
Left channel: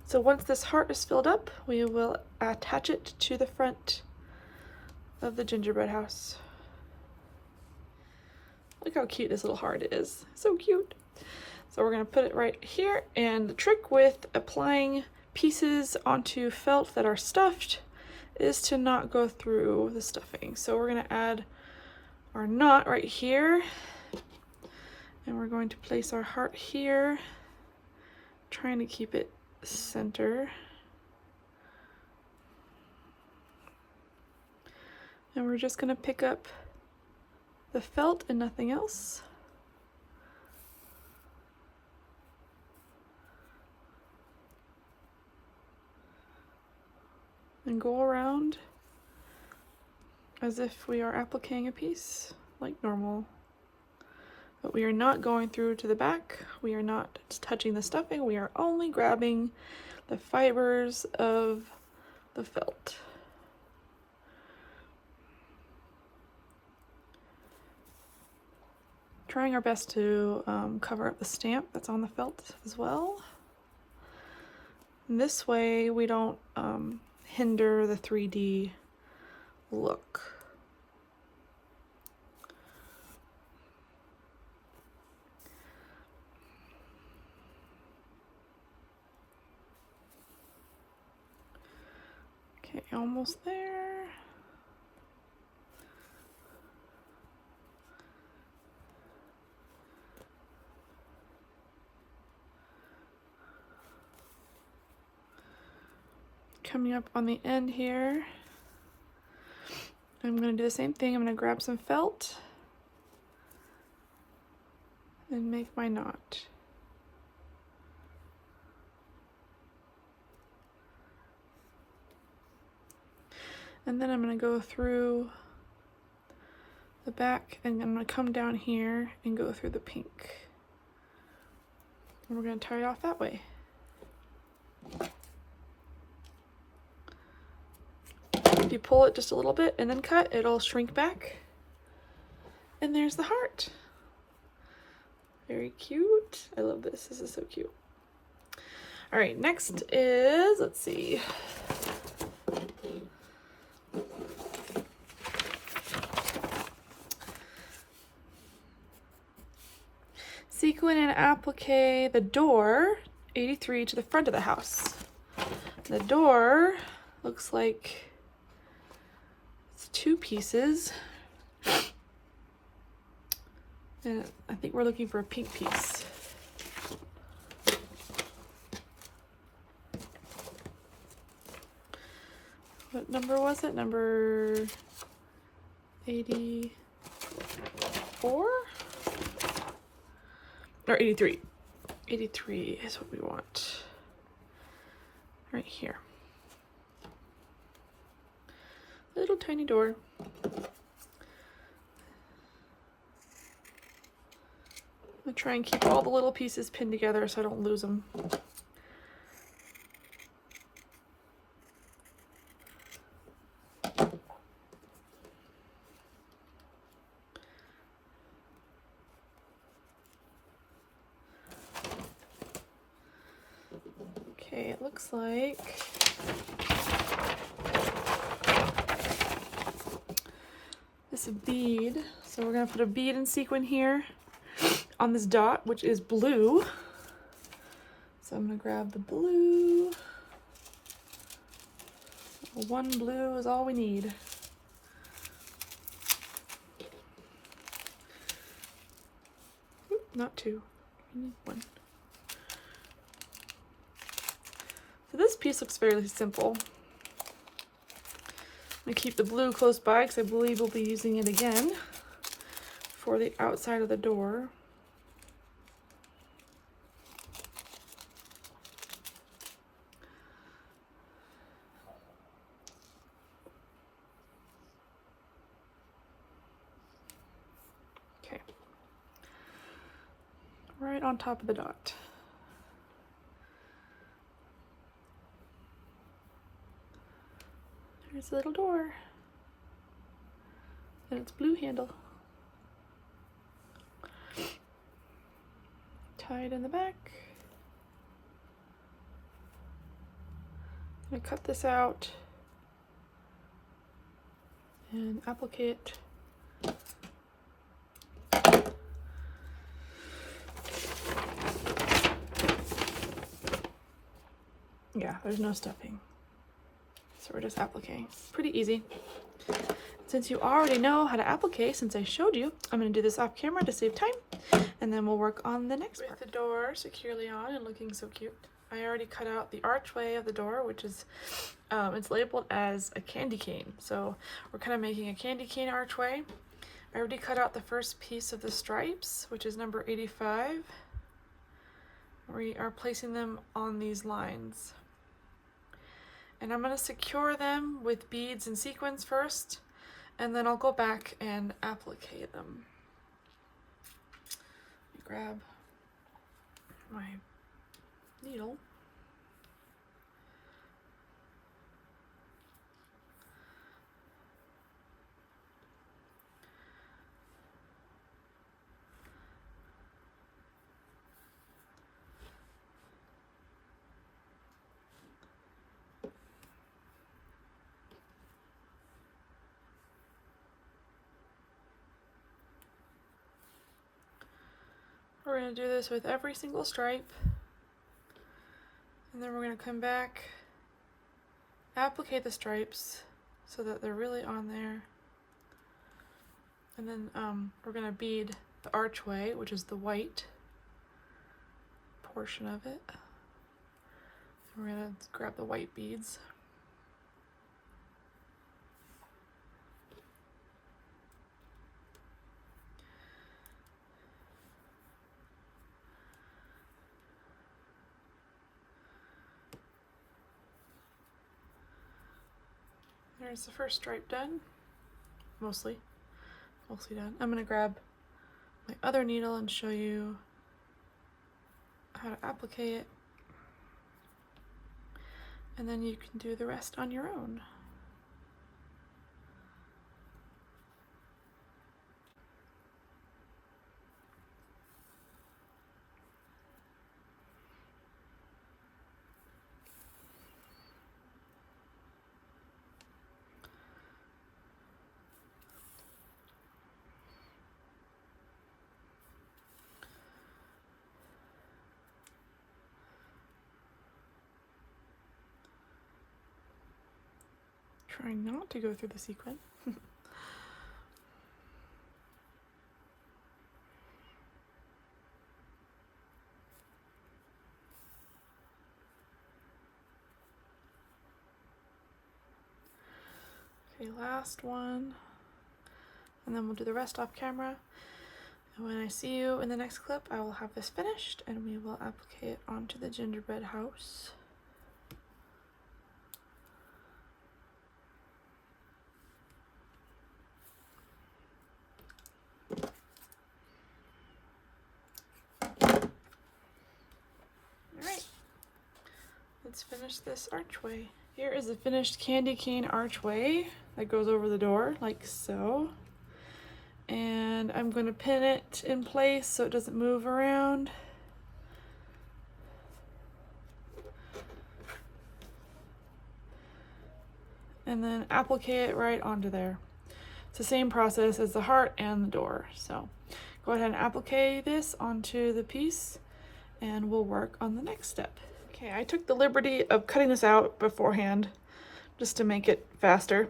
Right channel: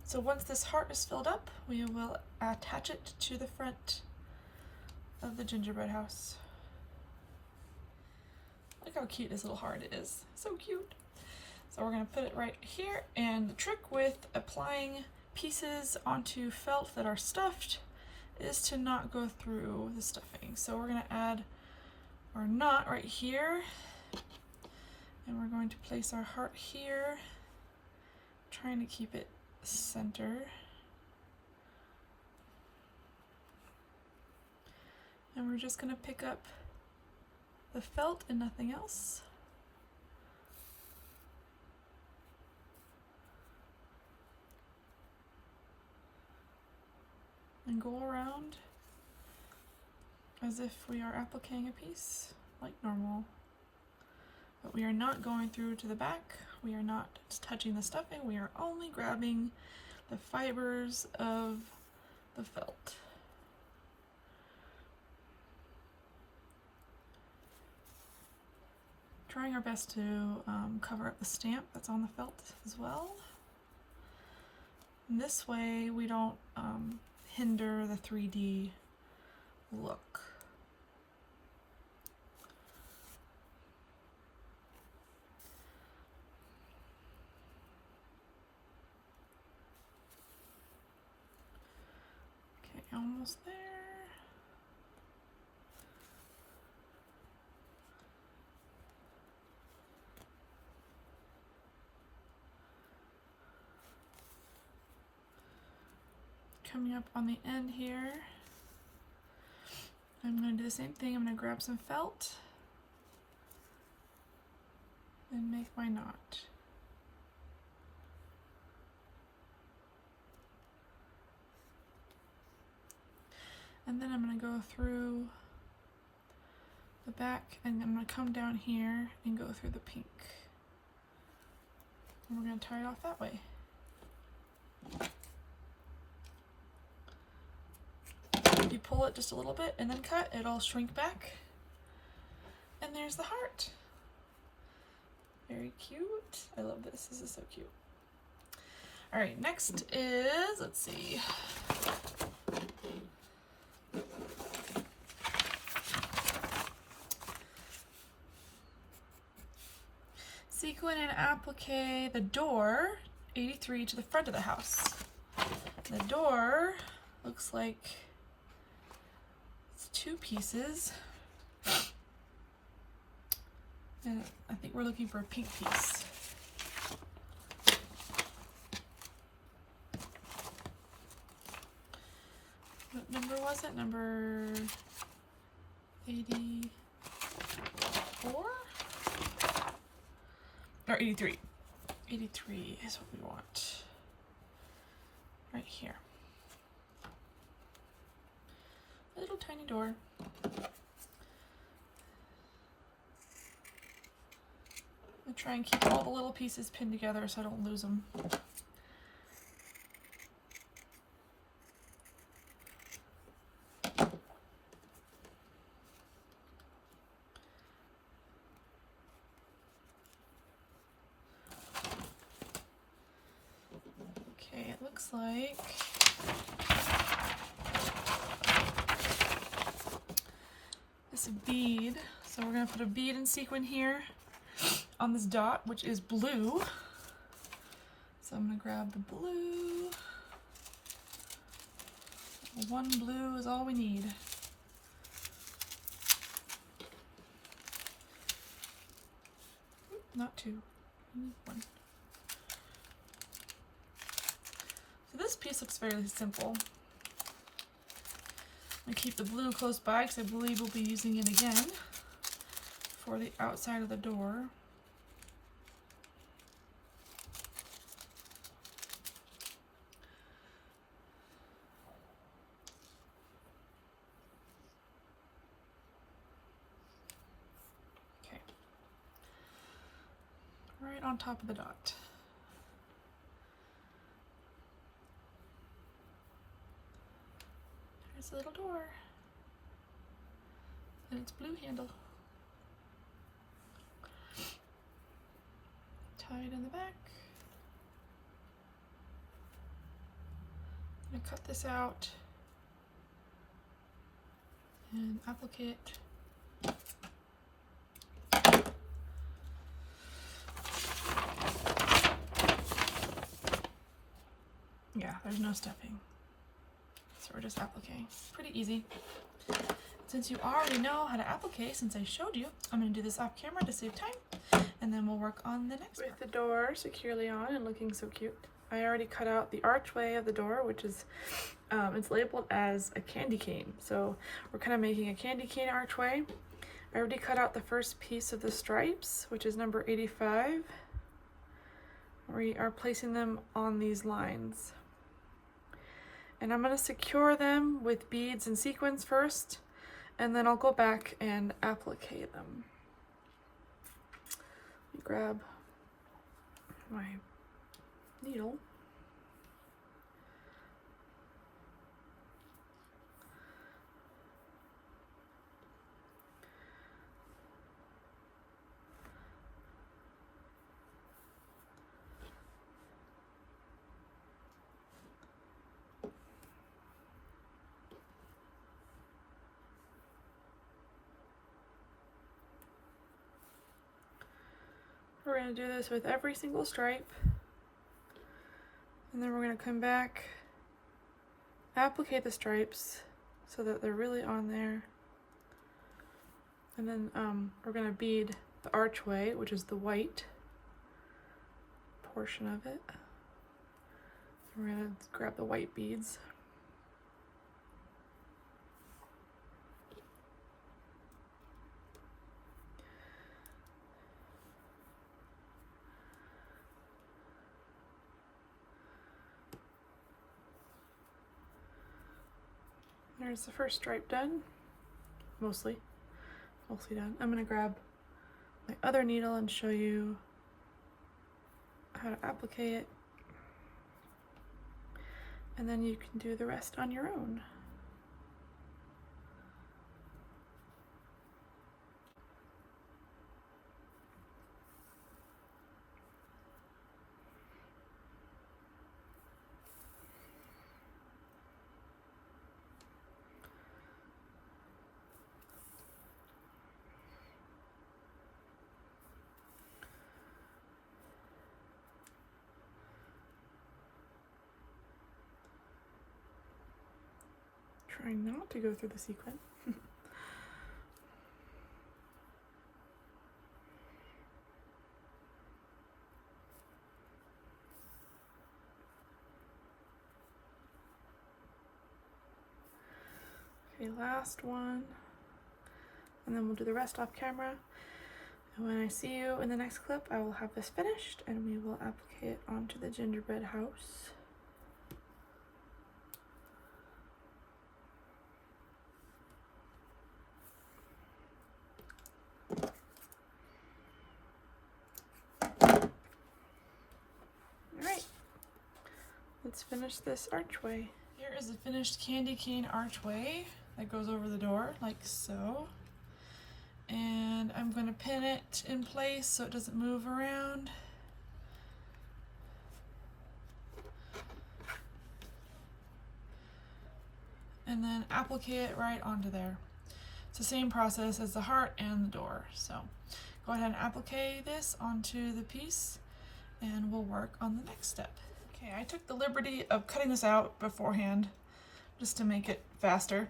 So once this heart is filled up, we will attach it to the front of the gingerbread house. Look how cute this little heart is. So cute. So we're going to put it right here, and the trick with applying pieces onto felt that are stuffed is to not go through the stuffing. So we're going to add our knot right here, and we're going to place our heart here, trying to keep it center. And we're just going to pick up the felt and nothing else. And go around as if we are appliquing a piece like normal. But we are not going through to the back. We are not touching the stuffing. We are only grabbing the fibers of the felt. Trying our best to cover up the stamp that's on the felt as well. And this way we don't hinder the 3D look. Okay, almost there. Coming up on the end here, I'm going to do the same thing. I'm going to grab some felt and make my knot. And then I'm going to go through the back, and I'm going to come down here and go through the pink. And we're going to tie it off that way. You pull it just a little bit and then cut, it'll shrink back. And there's the heart. Very cute. I love this. This is so cute. All right, next is, let's see. Sequin and applique the door 83 to the front of the house. The door looks like two pieces, and I think we're looking for a pink piece. What number was it? Number 84 or 83? 83 is what we want right here. Little tiny door. I'm gonna try and keep all the little pieces pinned together so I don't lose them. Okay, it looks like this bead. So we're gonna put a bead and sequin here on this dot, which is blue. So I'm gonna grab the blue. One blue is all we need. Oop, not two, we need one. So this piece looks fairly simple. I'm gonna keep the blue close by because I believe we'll be using it again for the outside of the door. Okay, right on top of the dot. There's a little door, and it's blue handle. Tie it in the back. I'm gonna cut this out and applique it. Yeah, there's no stuffing. So we're just appliquing. Pretty easy. Since you already know how to applique, since I showed you, I'm going to do this off camera to save time, and then we'll work on the next part. With the door securely on and looking so cute, I already cut out the archway of the door, which is, it's labeled as a candy cane. So we're kind of making a candy cane archway. I already cut out the first piece of the stripes, which is number 85. We are placing them on these lines. And I'm going to secure them with beads and sequins first, and then I'll go back and applique them. Let me grab my needle. We're going to do this with every single stripe, and then we're going to come back, applique the stripes so that they're really on there, and then we're going to bead the archway, which is the white portion of it. We're going to grab the white beads. There's the first stripe done, mostly done. I'm gonna grab my other needle and show you how to applique it, and then you can do the rest on your own. Trying not to go through the sequin. Okay, last one, and then we'll do the rest off camera. And when I see you in the next clip, I will have this finished and we will applique it onto the gingerbread house. Alright, let's finish this archway. Here is a finished candy cane archway that goes over the door, like so. And I'm going to pin it in place so it doesn't move around. And then applique it right onto there. It's the same process as the heart and the door. So go ahead and applique this onto the piece, and we'll work on the next step. Okay, I took the liberty of cutting this out beforehand just to make it faster.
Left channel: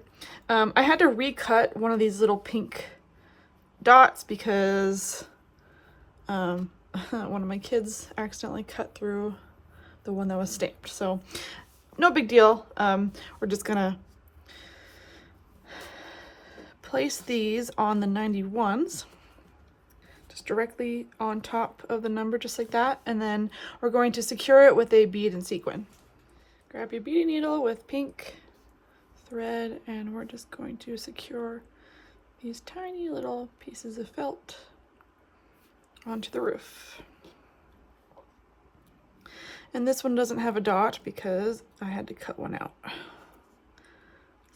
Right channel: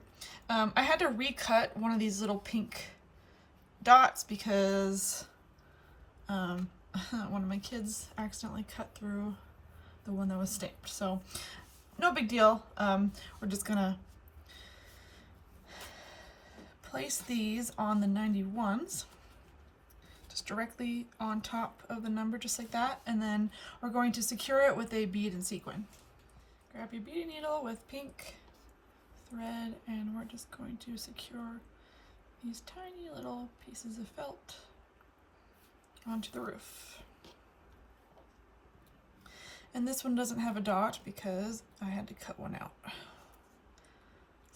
I had to recut one of these little pink dots because one of my kids accidentally cut through the one that was stamped. So no big deal. We're just gonna place these on the 91s. Directly on top of the number, just like that, and then we're going to secure it with a bead and sequin. Grab your beading needle with pink thread, and we're just going to secure these tiny little pieces of felt onto the roof. And this one doesn't have a dot because I had to cut one out. So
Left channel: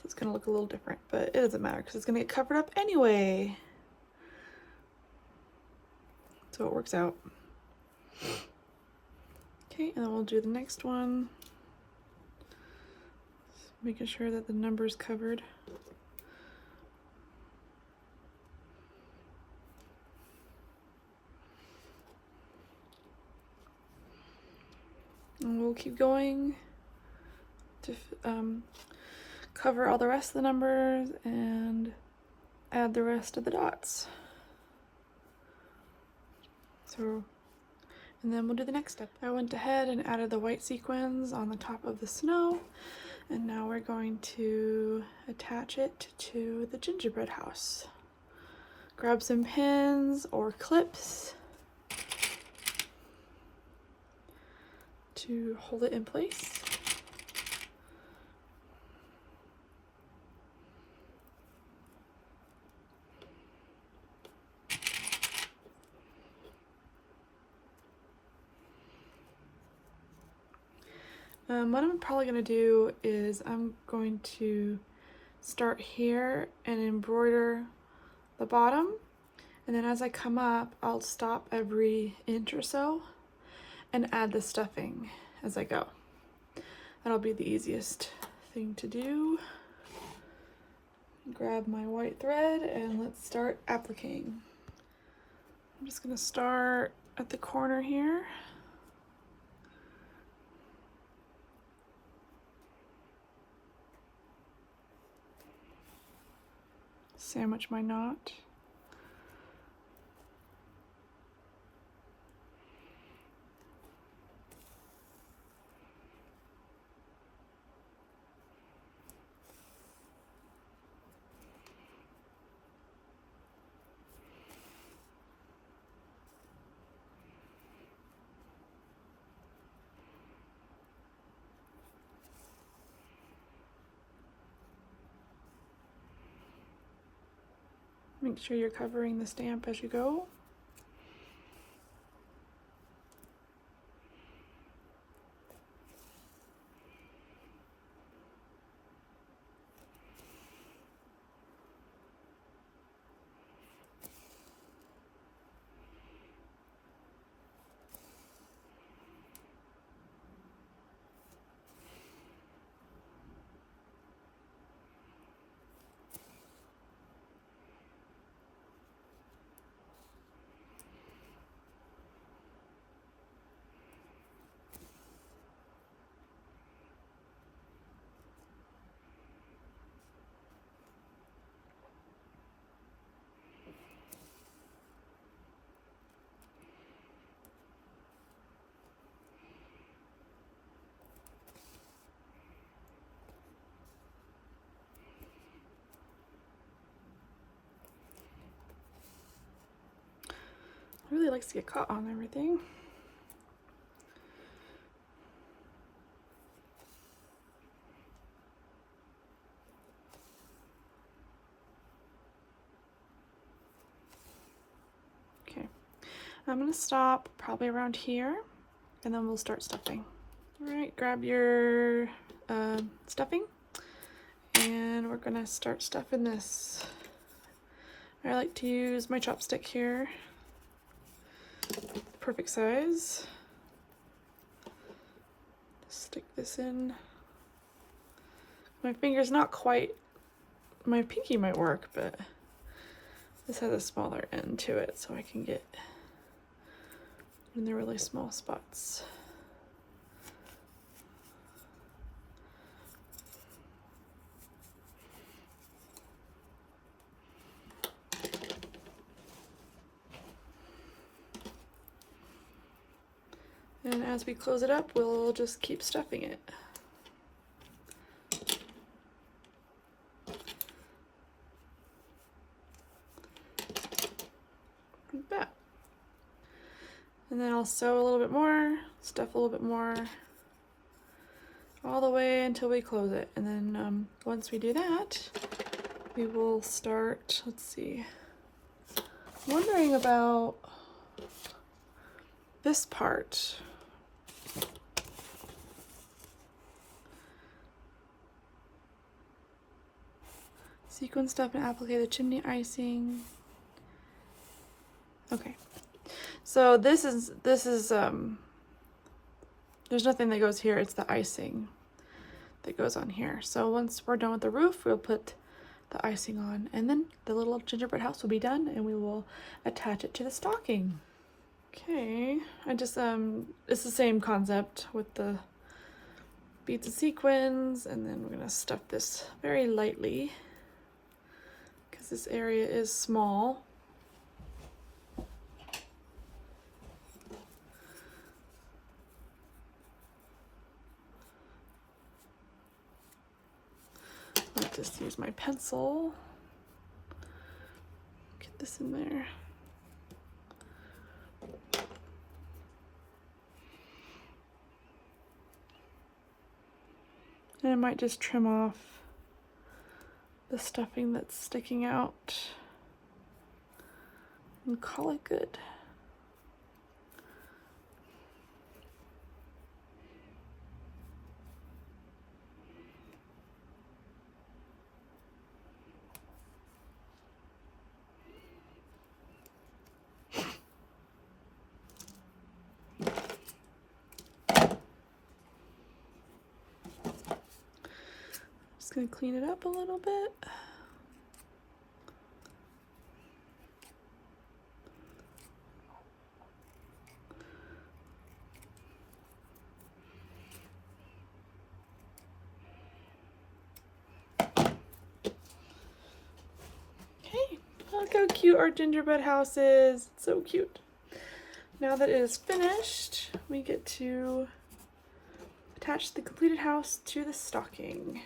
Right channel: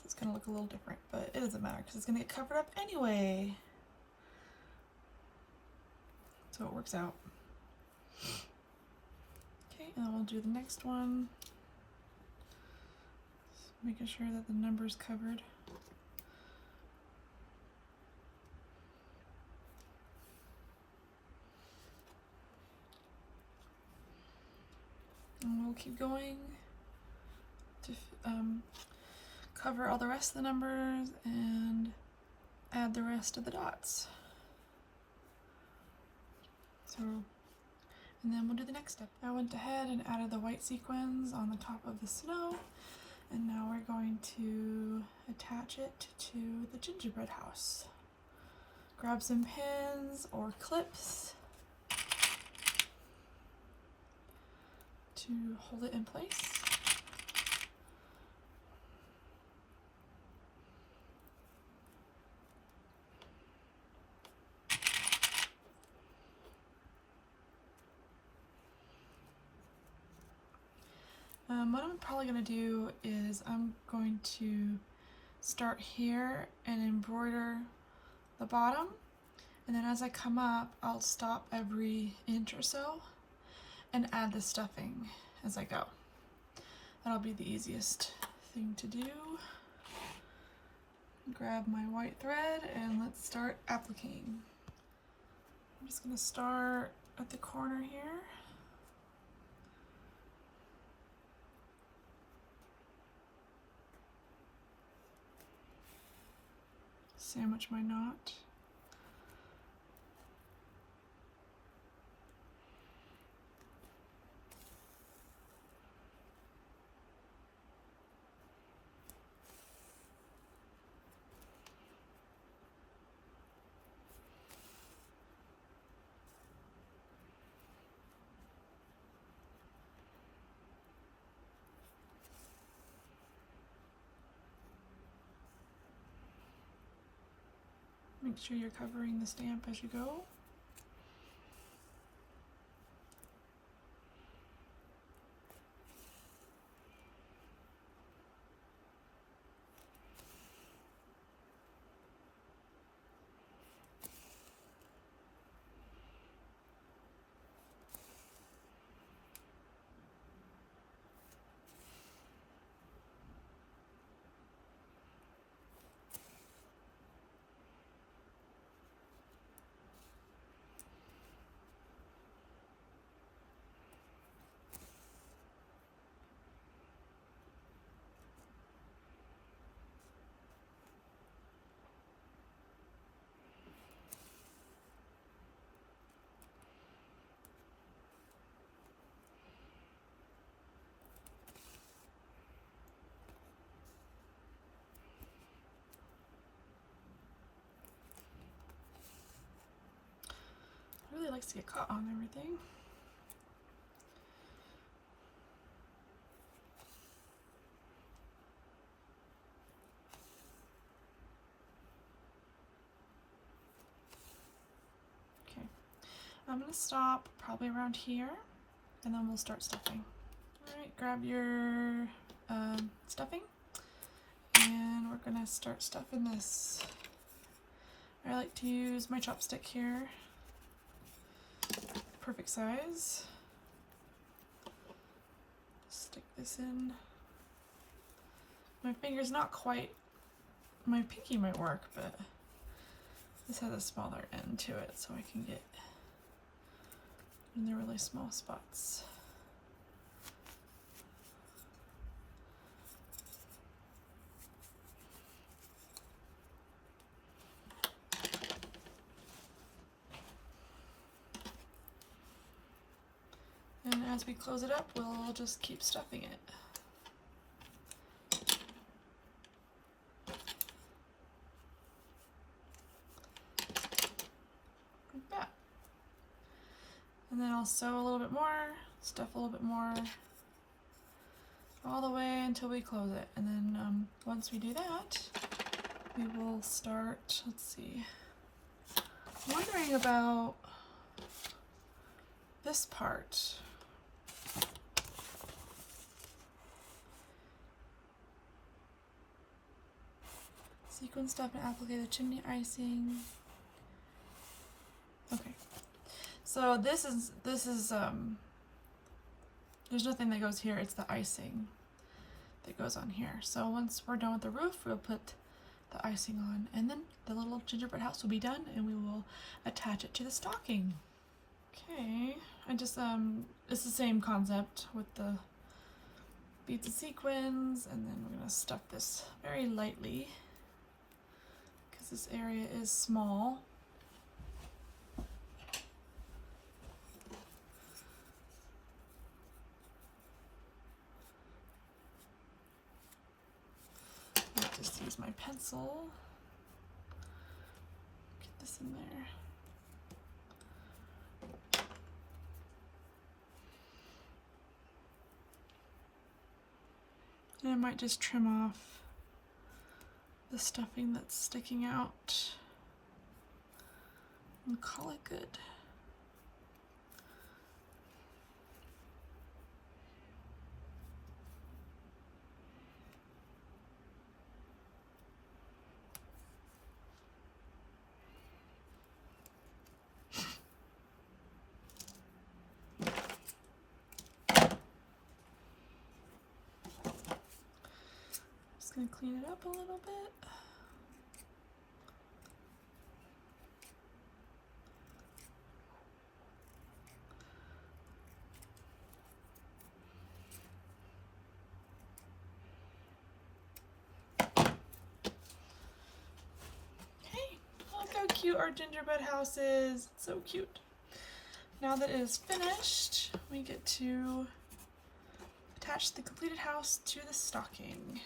it's gonna look a little different, but it doesn't matter because it's gonna get covered up anyway. So it works out. Okay, and then we'll do the next one. Just making sure that the number's covered. And we'll keep going to cover all the rest of the numbers and add the rest of the dots. So, and then we'll do the next step. I went ahead and added the white sequins on the top of the snow, and now we're going to attach it to the gingerbread house. Grab some pins or clips to hold it in place. What I'm probably going to do is I'm going to start here and embroider the bottom, and then as I come up I'll stop every inch or so and add the stuffing as I go. That'll be the easiest thing to do. Grab my white thread and let's start appliquing. I'm just going to start at the corner here. Sandwich my knot. Make sure you're covering the stamp as you go. It really likes to get caught on everything. Okay, I'm gonna stop probably around here and then we'll start stuffing. All right, grab your stuffing and we're gonna start stuffing this. I like to use my chopstick here. Perfect size. Stick this in. My finger's not quite, my pinky might work, but this has a smaller end to it so I can get in the really small spots. And as we close it up, we'll just keep stuffing it. Like that. And then I'll sew a little bit more, stuff a little bit more, all the way until we close it. And then once we do that, we will start, let's see, I'm wondering about this part. Sequin stuff and applique the chimney icing. Okay, so this is there's nothing that goes here, it's the icing that goes on here. So once we're done with the roof, we'll put the icing on, and then the little gingerbread house will be done, and we will attach it to the stocking. Okay, I just it's the same concept with the beads and sequins, and then we're gonna stuff this very lightly because this area is small. I'll just use my pencil. Get this in there. And I might just trim off the stuffing that's sticking out and call it good. Just gonna clean it up a little bit. Okay, look how cute our gingerbread house is. It's so cute. Now that it is finished, we get to attach the completed house to the stocking.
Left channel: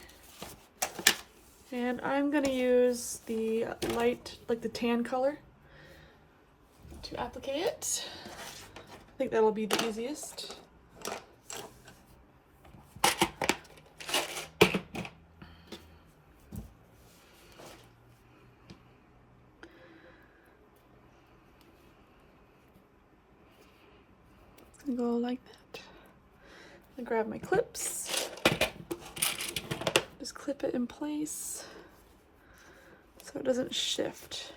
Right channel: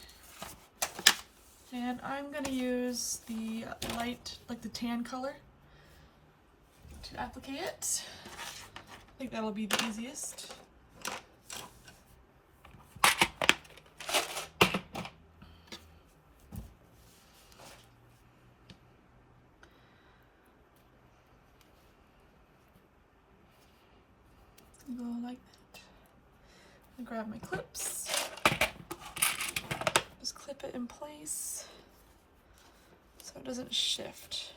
And I'm gonna use the light, like the tan color, to applicate it. I think that'll be the easiest. Go like that. I grab my clips, just clip it in place so it doesn't shift.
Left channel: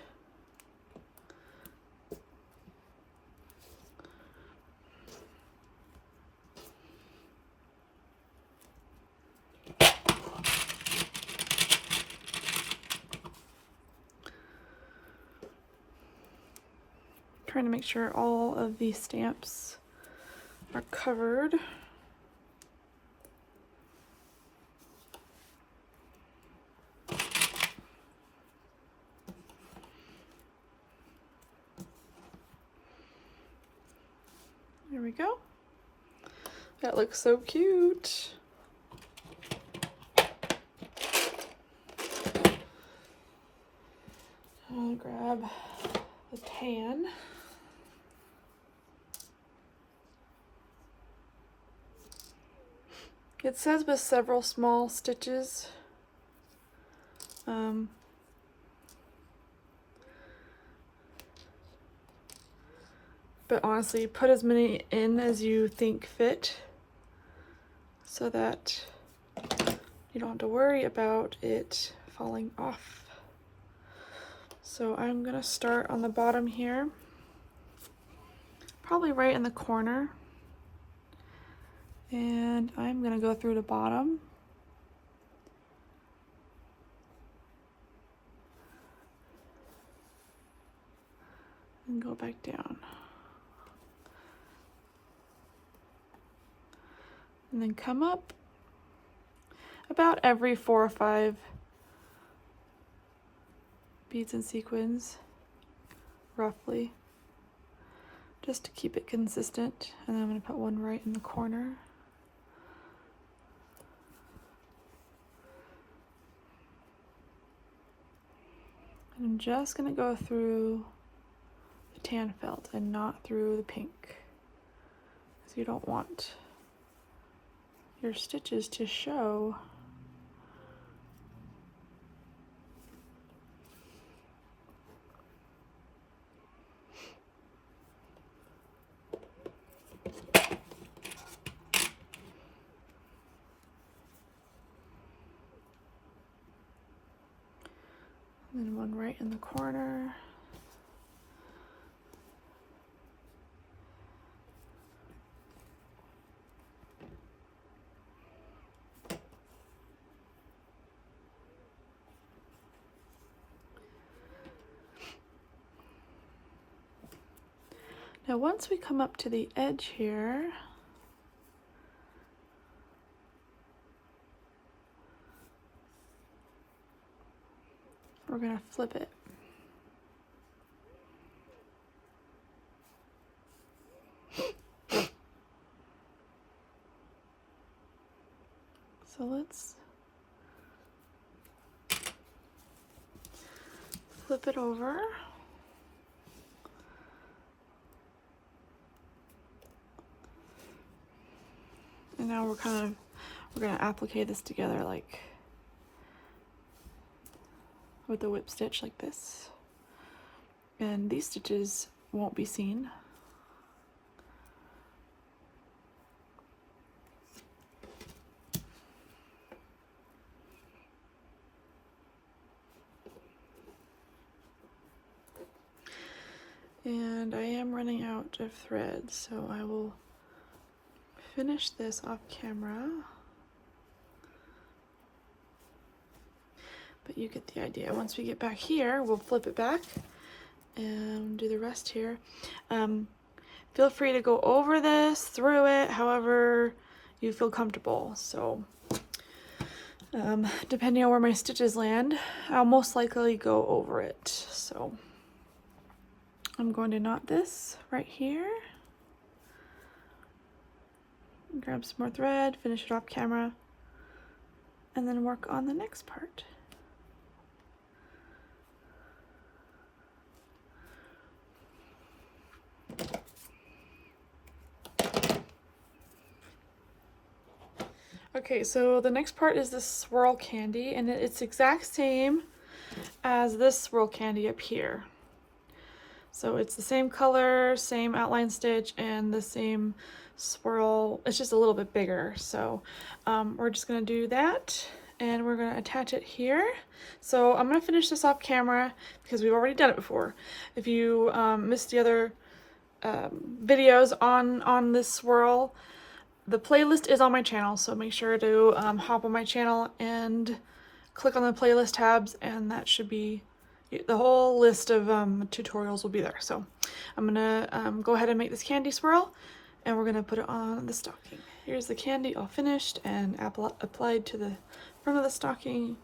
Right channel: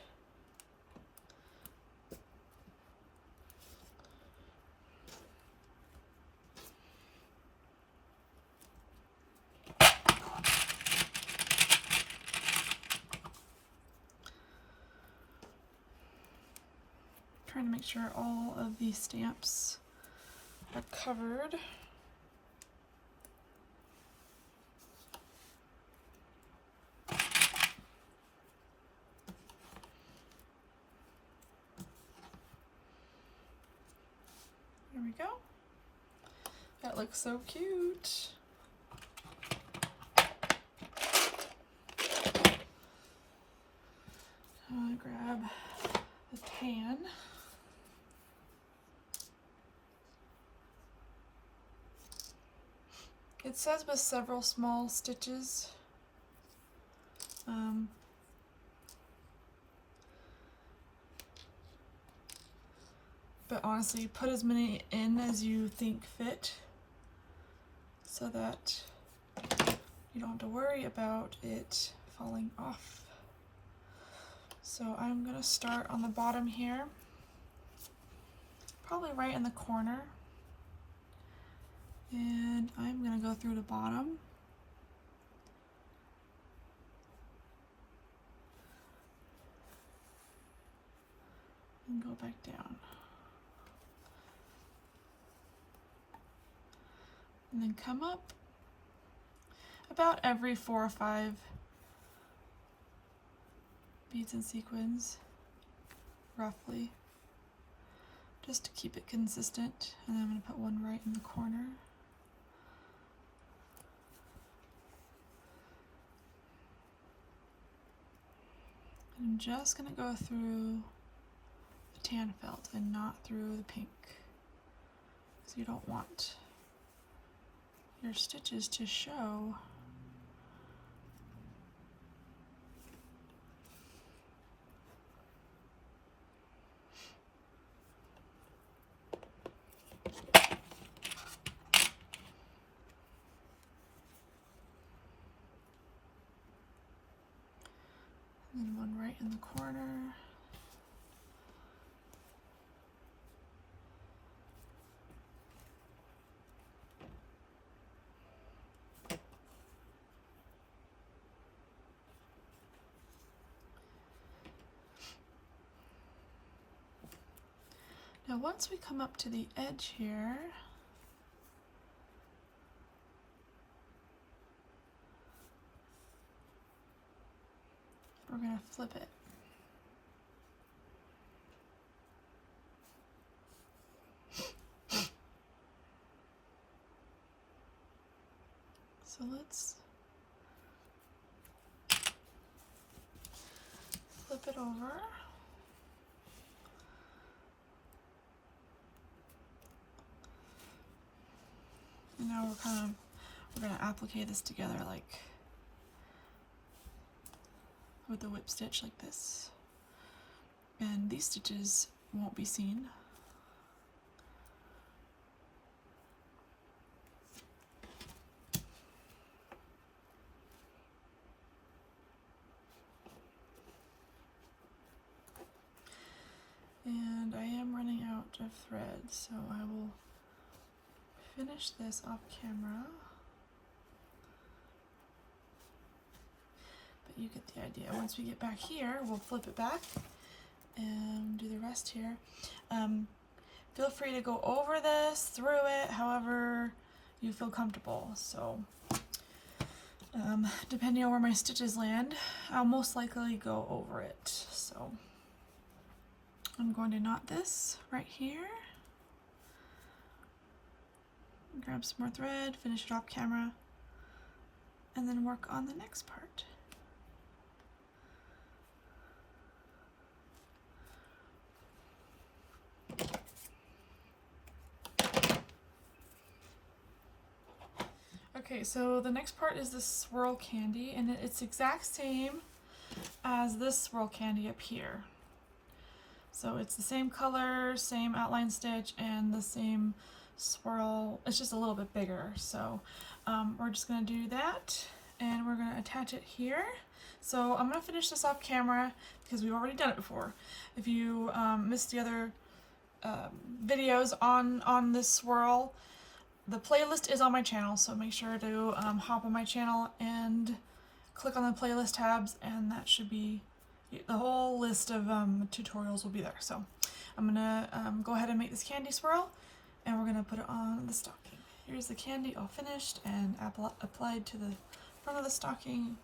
Trying to make sure all of these stamps are covered. There we go. That looks so cute. I'll grab the tan. It says with several small stitches. But honestly, put as many in as you think fit so that you don't have to worry about it falling off. So I'm gonna start on the bottom here, probably right in the corner. And I'm gonna go through the bottom. And go back down. And then come up about every 4 or 5 beads and sequins, roughly, just to keep it consistent. And then I'm gonna put one right in the corner. I'm just gonna go through the tan felt and not through the pink, because you don't want your stitches to show. And then one right in the corner. Now once we come up to the edge here, we're gonna flip it. So let's flip it over. And now we're gonna applique this together like with a whip stitch like this. And these stitches won't be seen. And I am running out of thread, so I will finish this off camera. But you get the idea. Once we get back here, we'll flip it back and do the rest here. Feel free to go over this, through it, however you feel comfortable. So depending on where my stitches land, I'll most likely go over it. So I'm going to knot this right here. Grab some more thread, finish it off camera, and then work on the next part. Okay, so the next part is this swirl candy, and it's exact same as this swirl candy up here. So it's the same color, same outline stitch, and the same swirl. It's just a little bit bigger. So we're just gonna do that, and we're gonna attach it here. So I'm gonna finish this off camera because we've already done it before. If you missed the other videos on this swirl, the playlist is on my channel, so make sure to hop on my channel and click on the playlist tabs, and that should be the whole list of tutorials will be there. So I'm gonna go ahead and make this candy swirl, and we're gonna put it on the stocking. Here's the candy all finished and applied to the front of the stocking.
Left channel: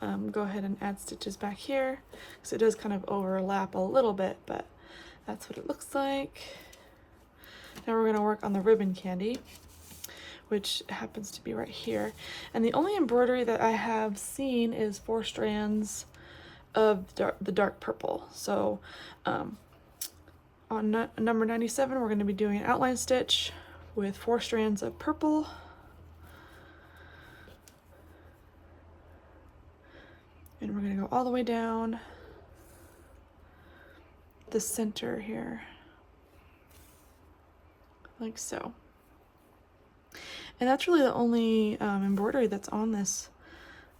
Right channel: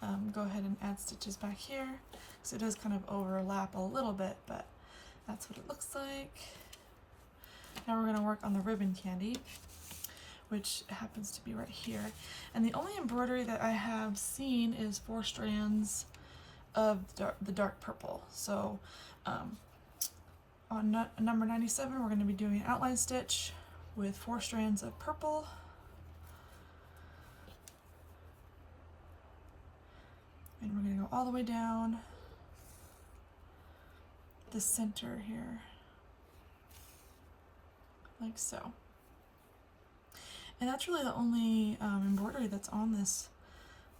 Go ahead and add stitches back here, because it does kind of overlap a little bit, but that's what it looks like. Now we're gonna work on the ribbon candy, which happens to be right here. And the only embroidery that I have seen is 4 strands of the dark purple. So on number 97, we're going to be doing an outline stitch with 4 strands of purple. And we're going to go all the way down the center here, like so. And that's really the only embroidery that's on this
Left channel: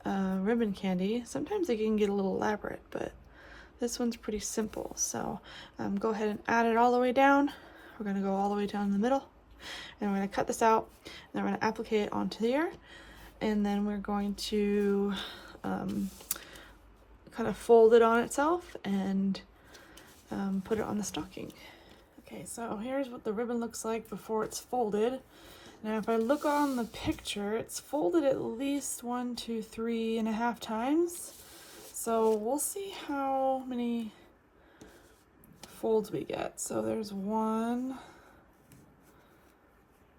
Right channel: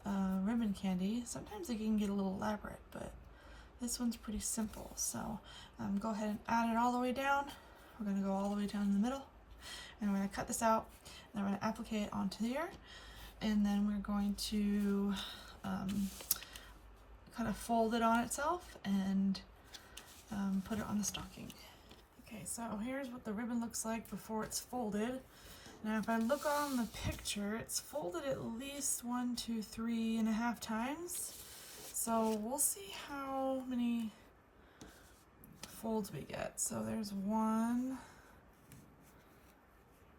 ribbon candy. Sometimes it can get a little elaborate, but this one's pretty simple. So go ahead and add it all the way down. We're going to go all the way down the middle, and we're going to cut this out, and then we're going to applique it onto here, and then we're going to kind of fold it on itself and put it on the stocking. Okay, so here's what the ribbon looks like before it's folded. Now if I look on the picture, it's folded at least 1, 2, 3.5 times. So we'll see how many folds we get. So there's 1,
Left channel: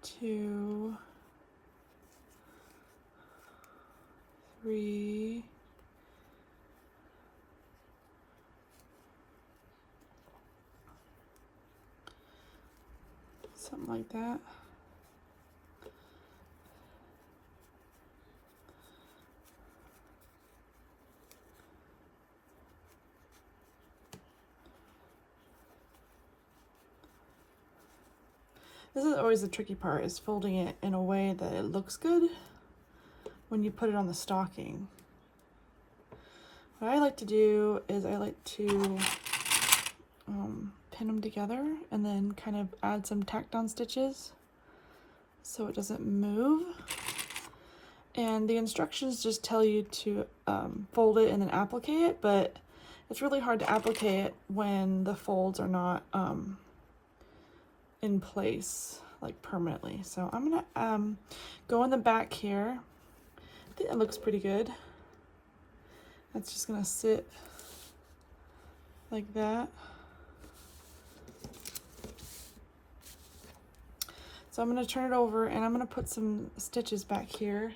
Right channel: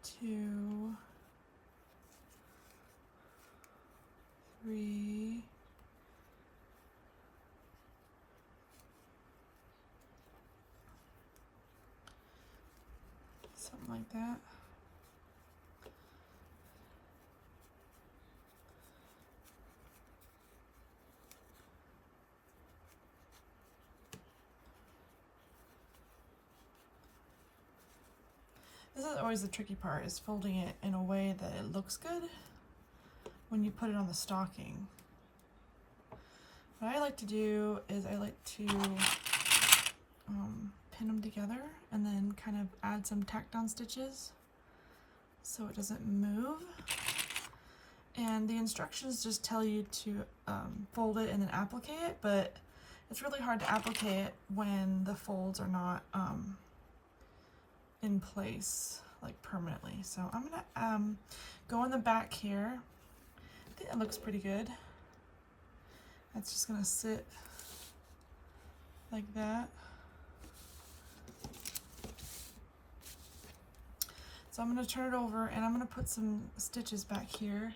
2, 3, something like that. This is always the tricky part, is folding it in a way that it looks good when you put it on the stocking. What I like to do is I like to pin them together and then kind of add some tack down stitches so it doesn't move. And the instructions just tell you to fold it and then applique it, but it's really hard to applique it when the folds are not in place like permanently. So I'm gonna go on the back here. I think that looks pretty good. It's just gonna sit like that. So I'm gonna turn it over and I'm gonna put some stitches back here.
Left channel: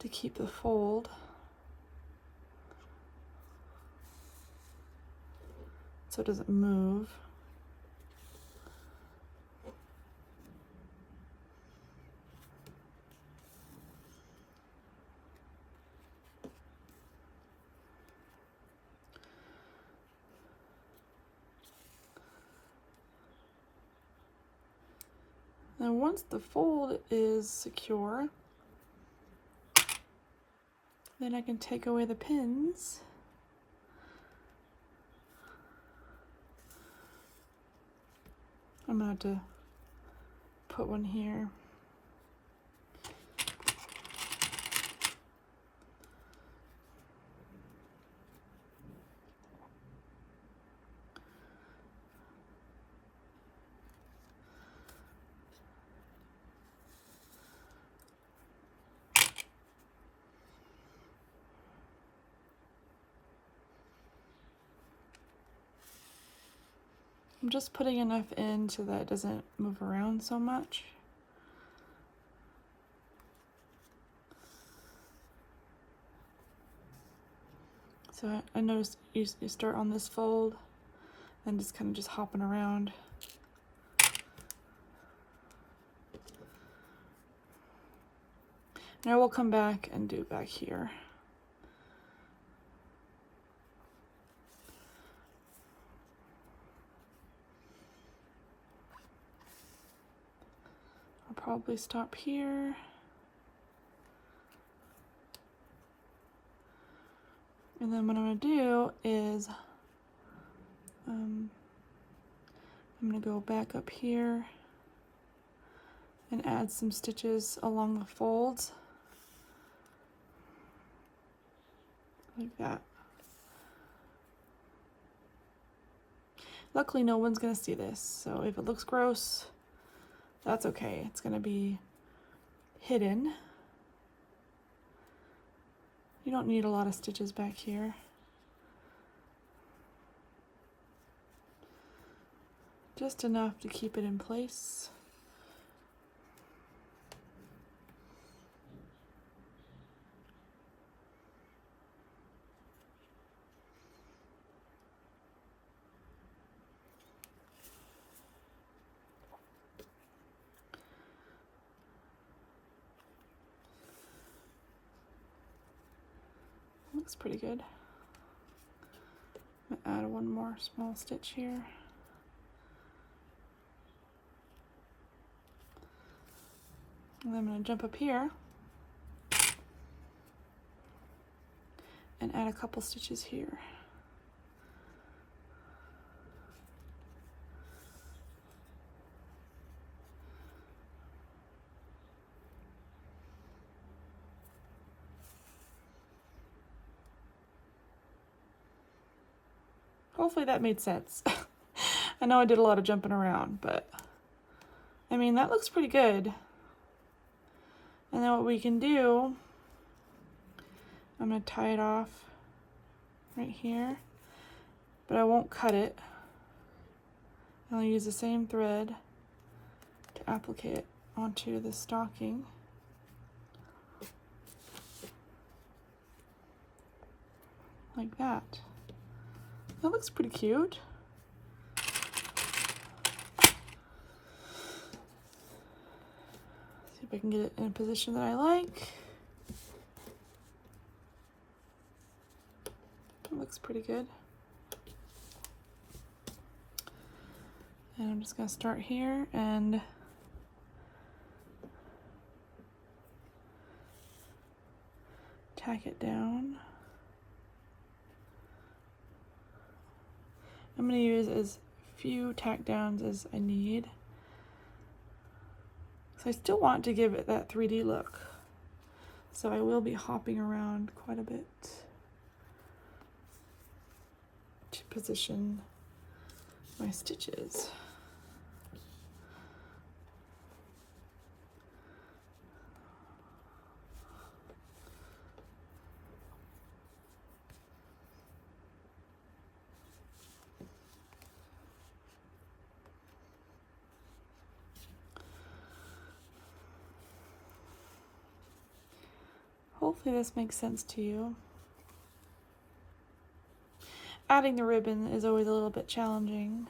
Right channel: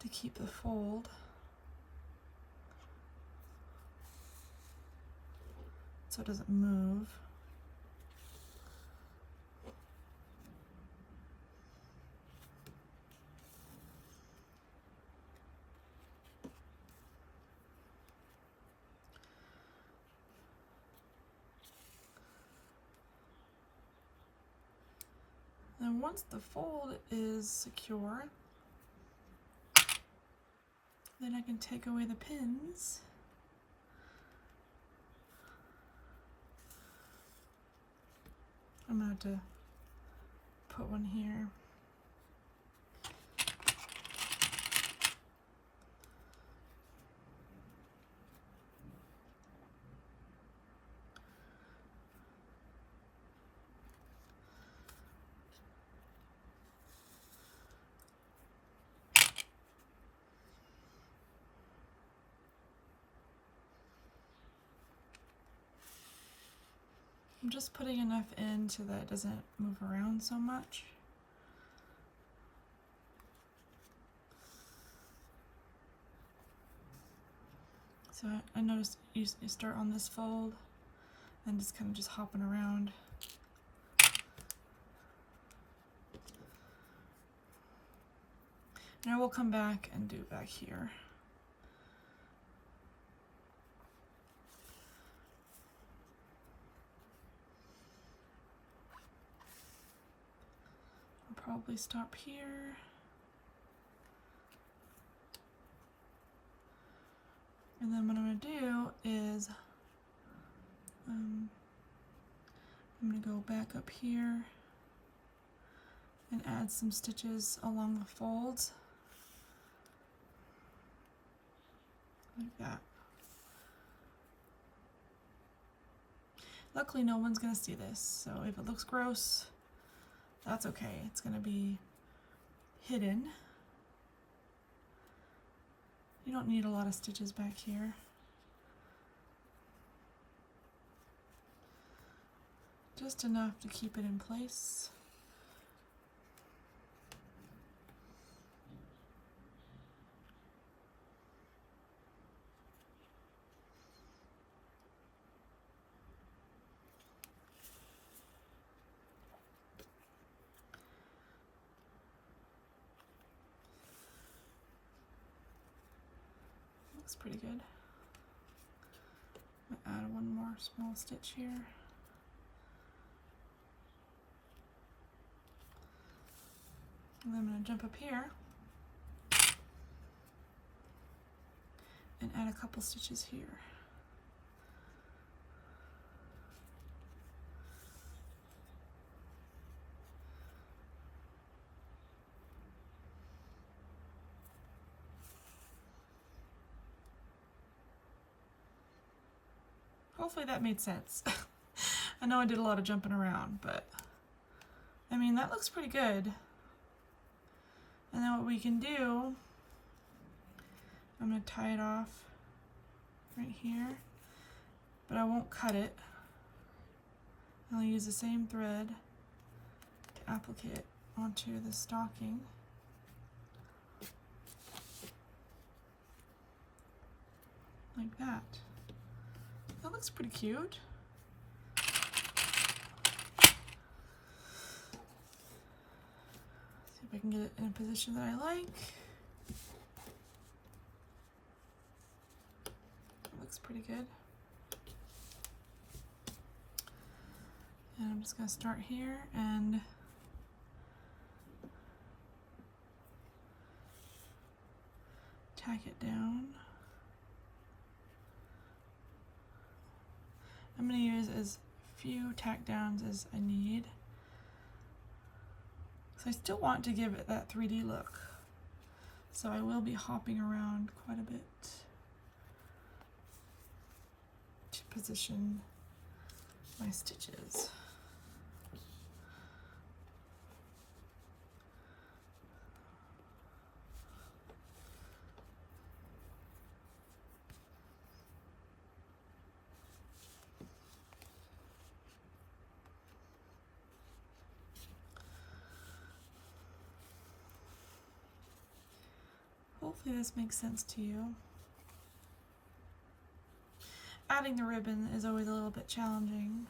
To keep the fold. So it doesn't move. And once the fold is secure, then I can take away the pins. I'm gonna have to put one here. I'm just putting enough in so that it doesn't move around so much. So I noticed you start on this fold and just kind of just hopping around. And I will come back and do back here. I'll probably stop here. And then what I'm going to do is I'm going to go back up here and add some stitches along the folds like that. Luckily no one's going to see this, so if it looks gross, that's okay. It's going to be hidden. You don't need a lot of stitches back here. Just enough to keep it in place. Looks pretty good. I'm gonna add one more small stitch here. And then I'm going to jump up here and add a couple stitches here. Hopefully that made sense. I know I did a lot of jumping around, but I mean, that looks pretty good. And then what we can do, I'm going to tie it off right here, but I won't cut it. I'll use the same thread to applicate it onto the stocking. Like that. That looks pretty cute. See if I can get it in a position that I like. It looks pretty good. And I'm just going to start here and tack it down. I'm going to use as few tack downs as I need. So I still want to give it that 3D look. So I will be hopping around quite a bit to position my stitches. Hopefully this makes sense to you. Adding the ribbon is always a little bit challenging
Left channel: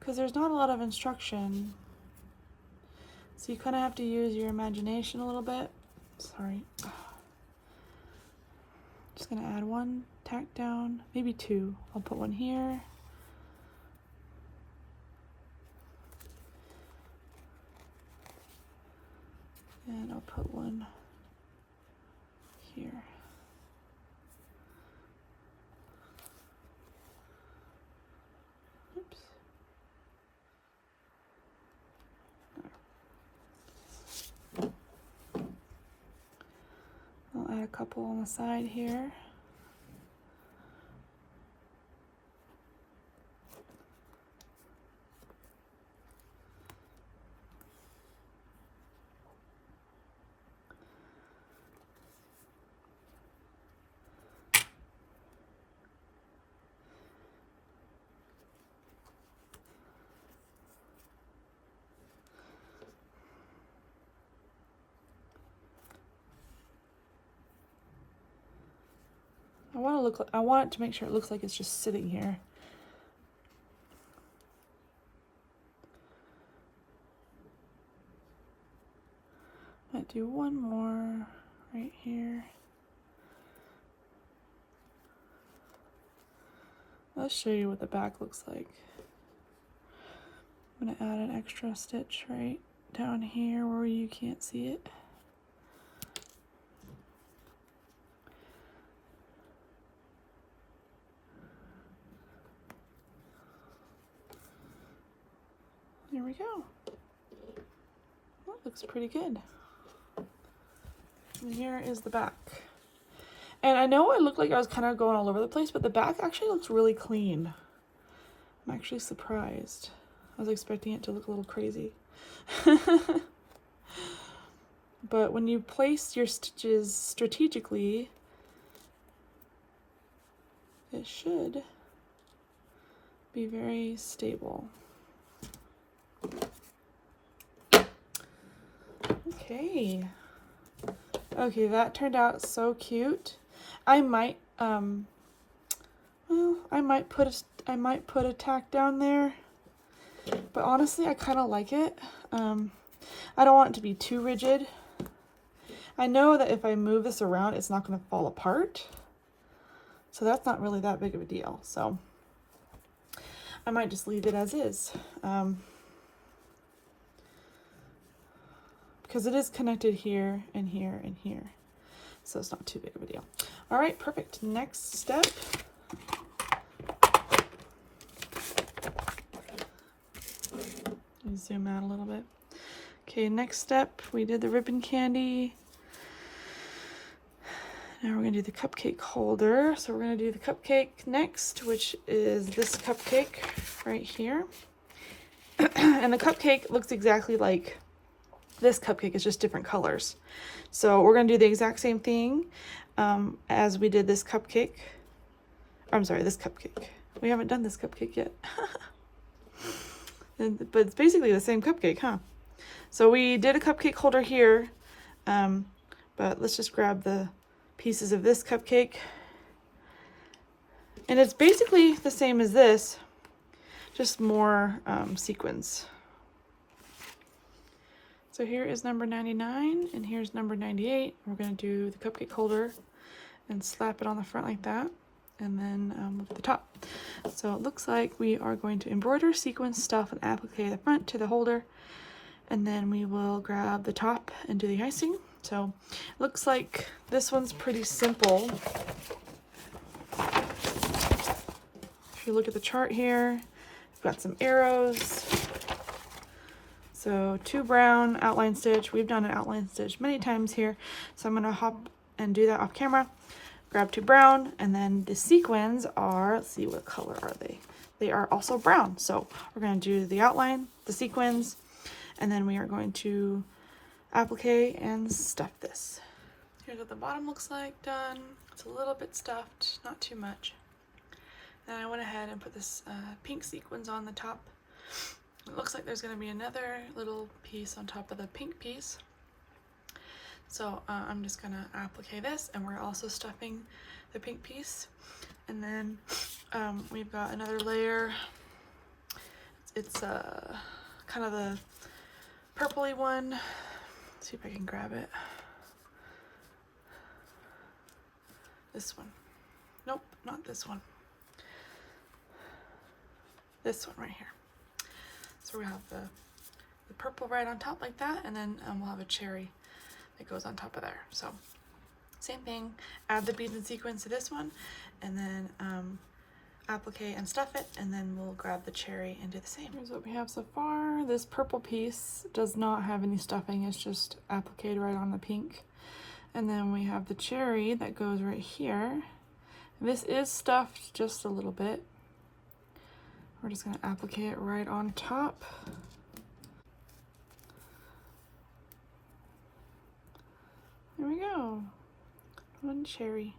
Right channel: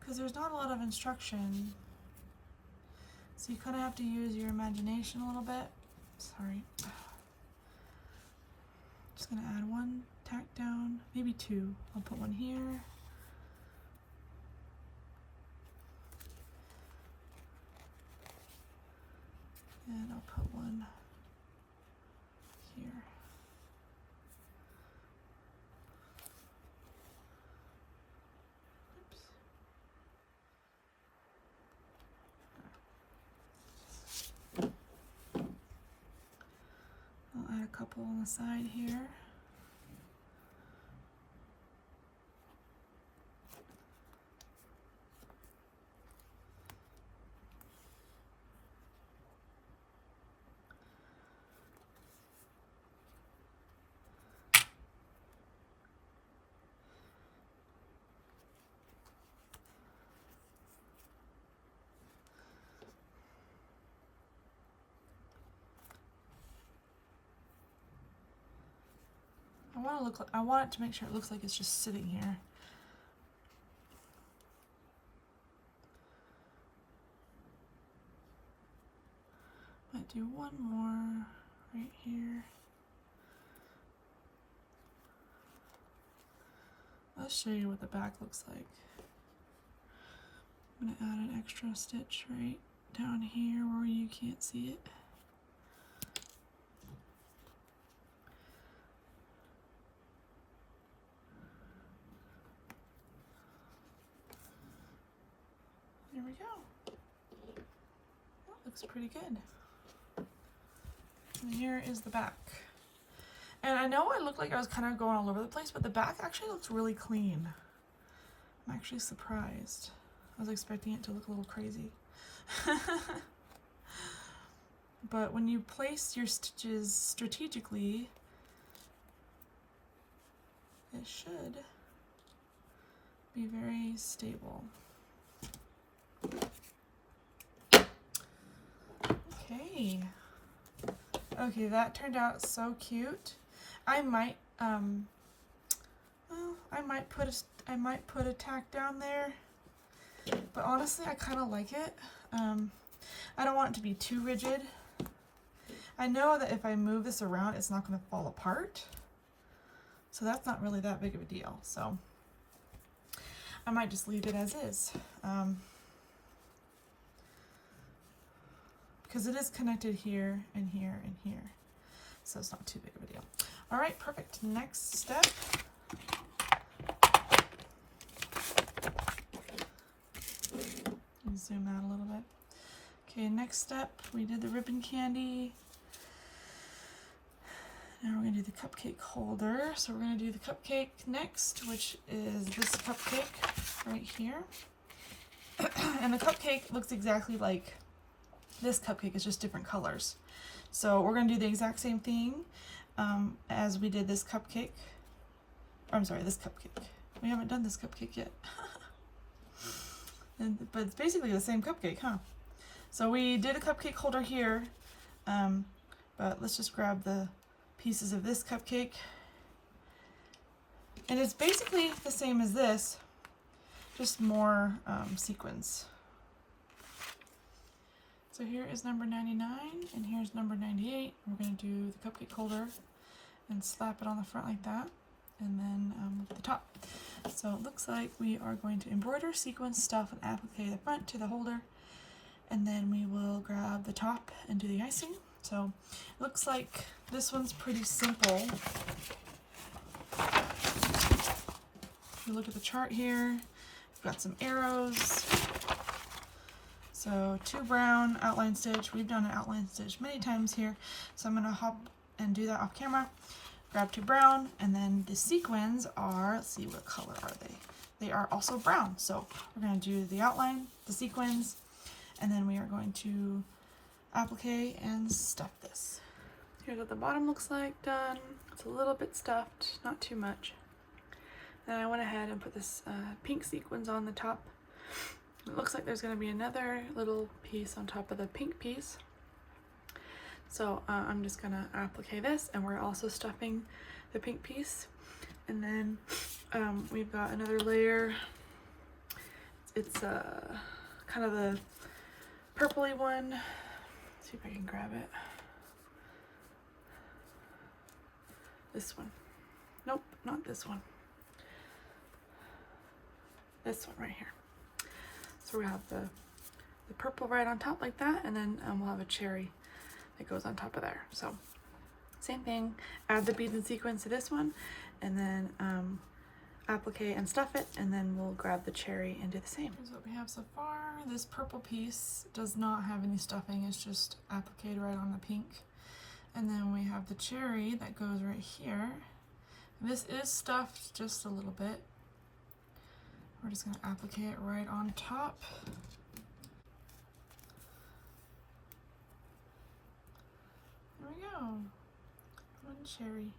because there's not a lot of instruction. So you kind of have to use your imagination a little bit. Sorry. Just gonna add one tack down, maybe two. I'll put one here. And I'll put one here. Oops. I'll add a couple on the side here. I want it to make sure it looks like it's just sitting here. Might do one more right here. Let's show you what the back looks like. I'm gonna add an extra stitch right down here where you can't see it. There we go. That looks pretty good. And here is the back. And I know it looked like I was kind of going all over the place, but the back actually looks really clean. I'm actually surprised. I was expecting it to look a little crazy. But when you place your stitches strategically, it should be very stable. Okay. Okay, that turned out so cute. I might put a tack down there, but honestly I kind of like it. I don't want it to be too rigid. I know that if I move this around it's not going to fall apart, so that's not really that big of a deal. So I might just leave it as is, because it is connected here and here and here, so it's not too big of a deal. All right, perfect. Next step. Let me zoom out a little bit. Okay, next step, we did the ribbon candy. Now we're gonna do the cupcake holder. So we're gonna do the cupcake next, which is this cupcake right here. And the cupcake looks exactly like this cupcake, it's just different colors. So we're gonna do the exact same thing as we did this cupcake. I'm sorry, this cupcake. We haven't done this cupcake yet. But it's basically the same cupcake, huh? So we did a cupcake holder here, but let's just grab the pieces of this cupcake. And it's basically the same as this, just more sequins. So here is number 99 and here's number 98. We're going to do the cupcake holder and slap it on the front like that, and then the top. So it looks like we are going to embroider, sequence, stuff, and applique the front to the holder, and then we will grab the top and do the icing. So looks like this one's pretty simple. If you look at the chart here, we've got some arrows. So 2 brown outline stitch. We've done an outline stitch many times here, so I'm gonna hop and do that off camera. Grab 2 brown, and then the sequins are, let's see, what color are they? They are also brown. So we're gonna do the outline, the sequins, and then we are going to applique and stuff this. Here's what the bottom looks like done. It's a little bit stuffed, not too much. Then I went ahead and put this pink sequins on the top. It looks like there's going to be another little piece on top of the pink piece. So I'm just gonna applique this, and we're also stuffing the pink piece. And then we've got another layer. It's kind of the purpley one. Let's see if I can grab it. This one. Nope, not this one. This one right here. So we have the purple right on top like that, and then we'll have a cherry that goes on top of there. So same thing, add the beads and sequins to this one, and then applique and stuff it, and then we'll grab the cherry and do the same. Here's what we have so far. This purple piece does not have any stuffing, it's just appliqued right on the pink. And then we have the cherry that goes right here. This is stuffed just a little bit. We're just gonna applique it right on top. There we go. One cherry.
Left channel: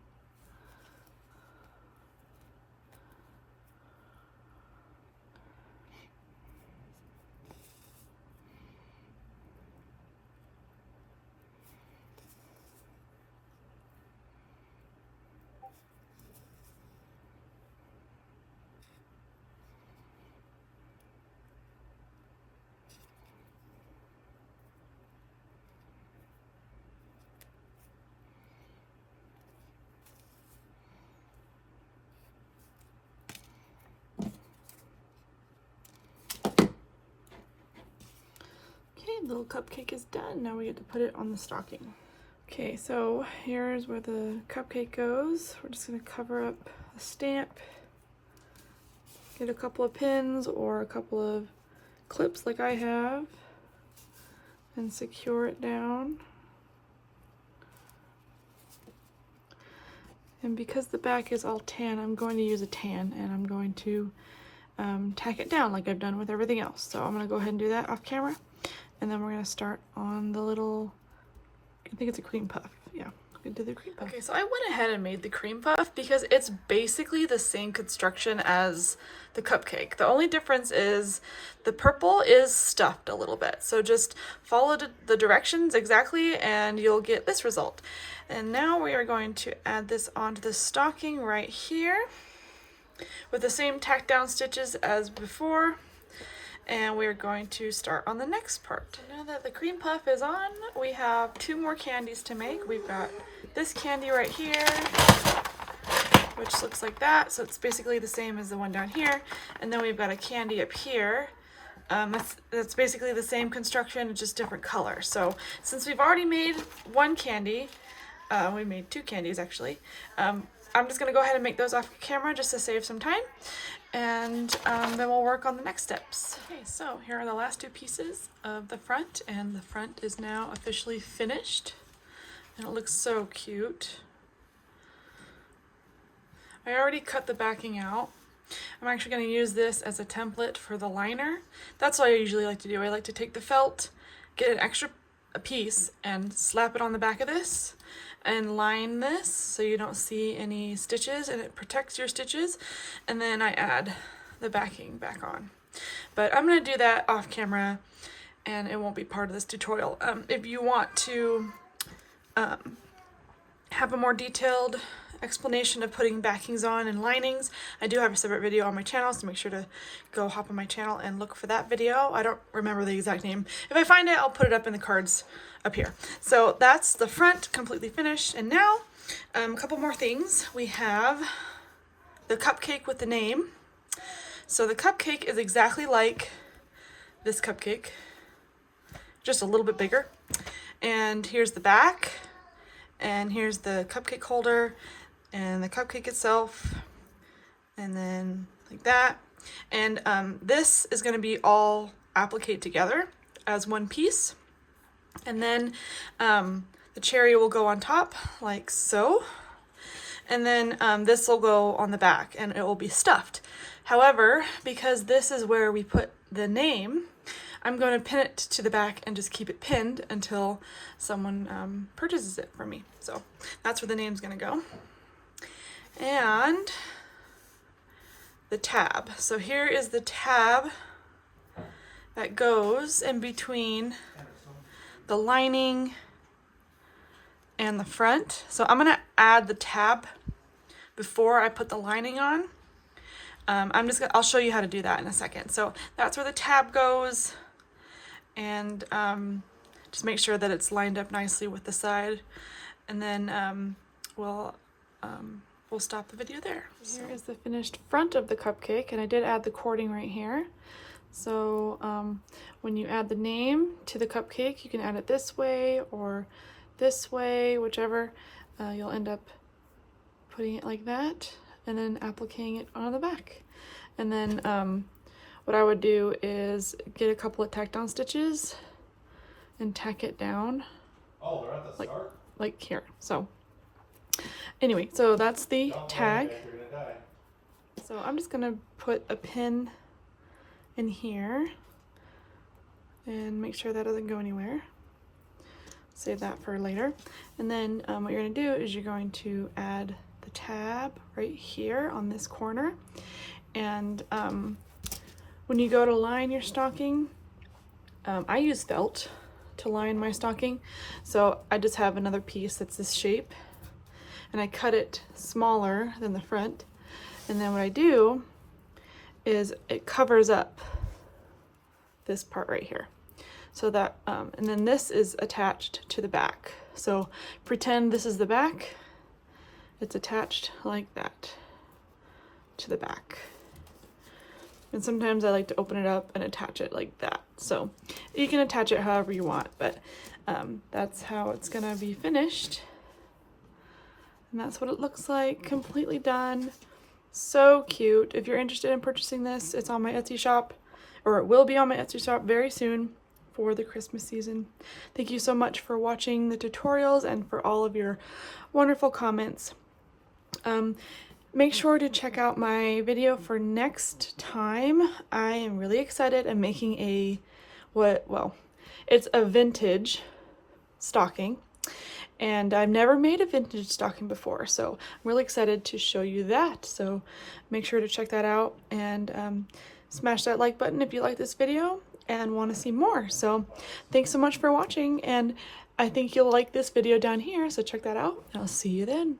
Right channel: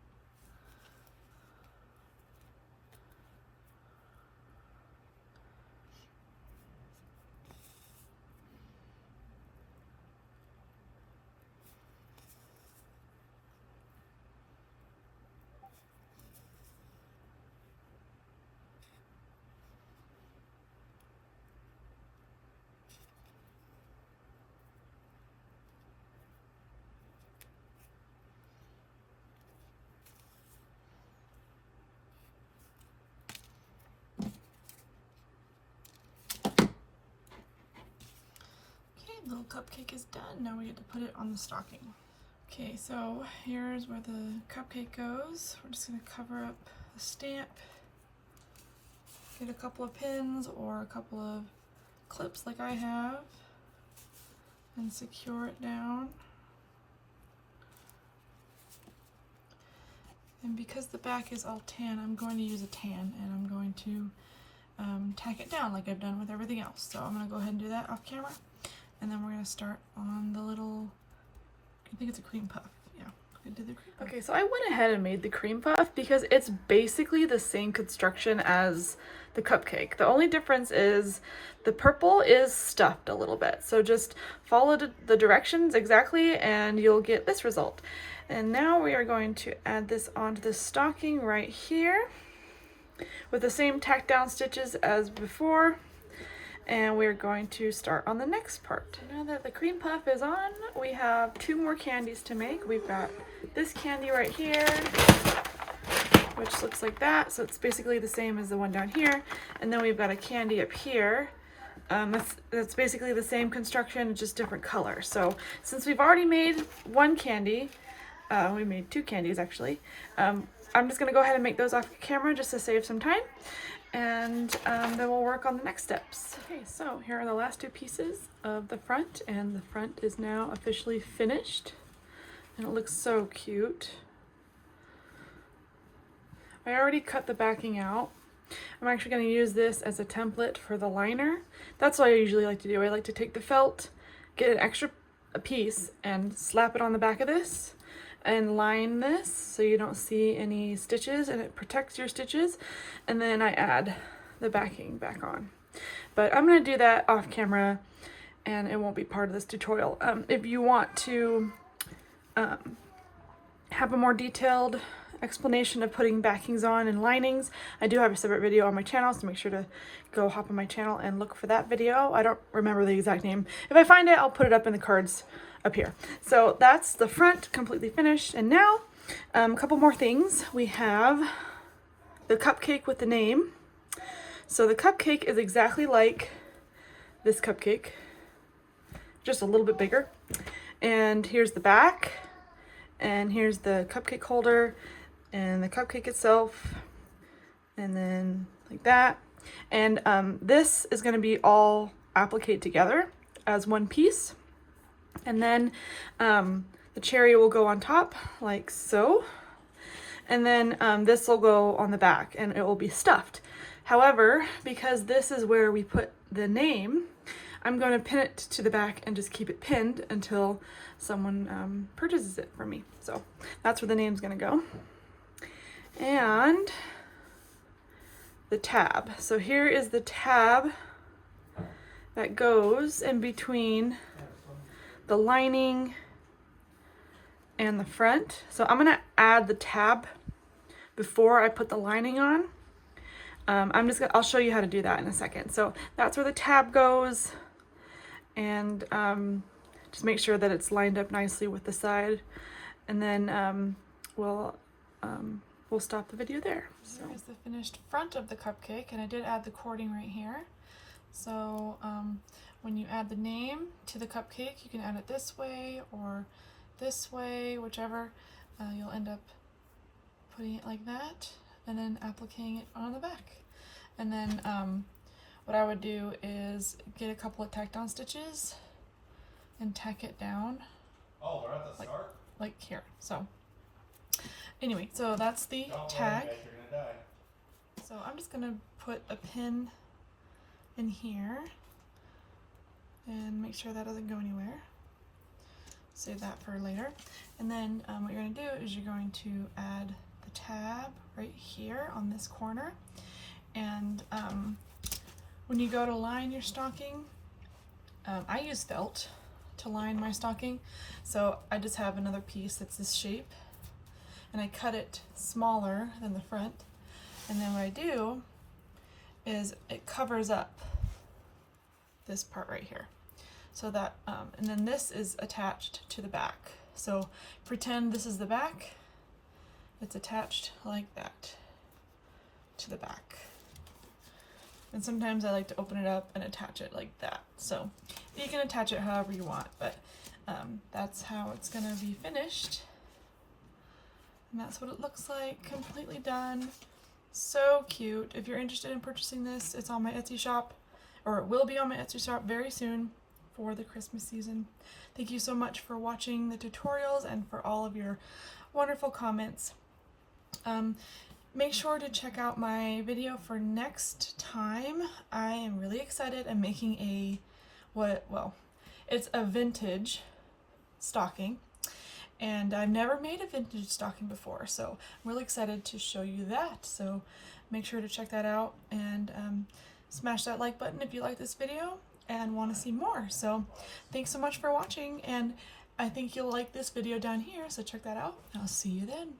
The little cupcake is done. Now we get to put it on the stocking. Okay, so here's where the cupcake goes. We're just gonna cover up the stamp, get a couple of pins or a couple of clips like I have, and secure it down. And because the back is all tan, I'm going to use a tan, and I'm going to tack it down like I've done with everything else. So I'm gonna go ahead and do that off camera. And then we're gonna start on the little, I think it's a cream puff. Yeah, we can do the cream puff. Okay, so I went ahead and made the cream puff because it's basically the same construction as the cupcake. The only difference is the purple is stuffed a little bit. So just follow the directions exactly and you'll get this result. And now we are going to add this onto the stocking right here with the same tack down stitches as before. And we're going to start on the next part. Now that the cream puff is on, we have 2 more candies to make. We've got this candy right here, which looks like that. So it's basically the same as the one down here. And then we've got a candy up here. That's basically the same construction, just different color. So since we've already made one candy, we made 2 candies actually. I'm just gonna go ahead and make those off camera just to save some time. And then we'll work on the next steps. Okay, so here are the last 2 pieces of the front, and the front is now officially finished, and it looks so cute. I already cut the backing out. I'm actually going to use this as a template for the liner. That's what I usually like to do. I like to take the felt, get an extra piece, and slap it on the back of this, and line this so you don't see any stitches, and it protects your stitches. And then I add the backing back on. But I'm going to do that off camera, and it won't be part of this tutorial. If you want to have a more detailed explanation of putting backings on and linings, I do have a separate video on my channel, so make sure to go hop on my channel and look for that video. I don't remember the exact name. If I find it, I'll put it up in the cards up here. So that's the front completely finished. And now a couple more things. We have the cupcake with the name. So the cupcake is exactly like this cupcake, just a little bit bigger. And here's the back, and here's the cupcake holder and the cupcake itself, and then like that. And this is going to be all appliqued together as one piece. And then the cherry will go on top like so. And then this will go on the back, and it will be stuffed. However, because this is where we put the name, I'm going to pin it to the back and just keep it pinned until someone purchases it from me. So that's where the name's going to go. And the tab. So here is the tab that goes in between the lining and the front. So I'm gonna add the tab before I put the lining on. I'll show you how to do that in a second. So that's where the tab goes, and just make sure that it's lined up nicely with the side, and then we'll stop the video there. So here is the finished front of the cupcake, and I did add the cording right here. So when you add the name to the cupcake, you can add it this way or this way, whichever. You'll end up putting it like that and then appliquing it on the back. And then what I would do is get a couple of tack down stitches and tack it down. Oh, they're at the start? Like here. So anyway, so that's the tag. So I'm just gonna put a pin in here and make sure that doesn't go anywhere. Save that for later. And then what you're gonna do is you're going to add the tab right here on this corner. And when you go to line your stocking, I use felt to line my stocking. So I just have another piece that's this shape, and I cut it smaller than the front. And then what I do is it covers up this part right here. So that, and then this is attached to the back. So pretend this is the back. It's attached like that to the back. And sometimes I like to open it up and attach it like that. So you can attach it however you want, but that's how it's gonna be finished. And that's what it looks like, completely done. So cute. If you're interested in purchasing this, it's on my Etsy shop, or it will be on my Etsy shop very soon for the Christmas season. Thank you so much for watching the tutorials and for all of your wonderful comments. Make sure to check out my video for next time. I am really excited. I'm making it's a vintage stocking, and I've never made a vintage stocking before, so I'm really excited to show you that. So make sure to check that out, and smash that like button if you like this video and want to see more. So thanks so much for watching, and I think you'll like this video down here, so check that out. I'll see you then.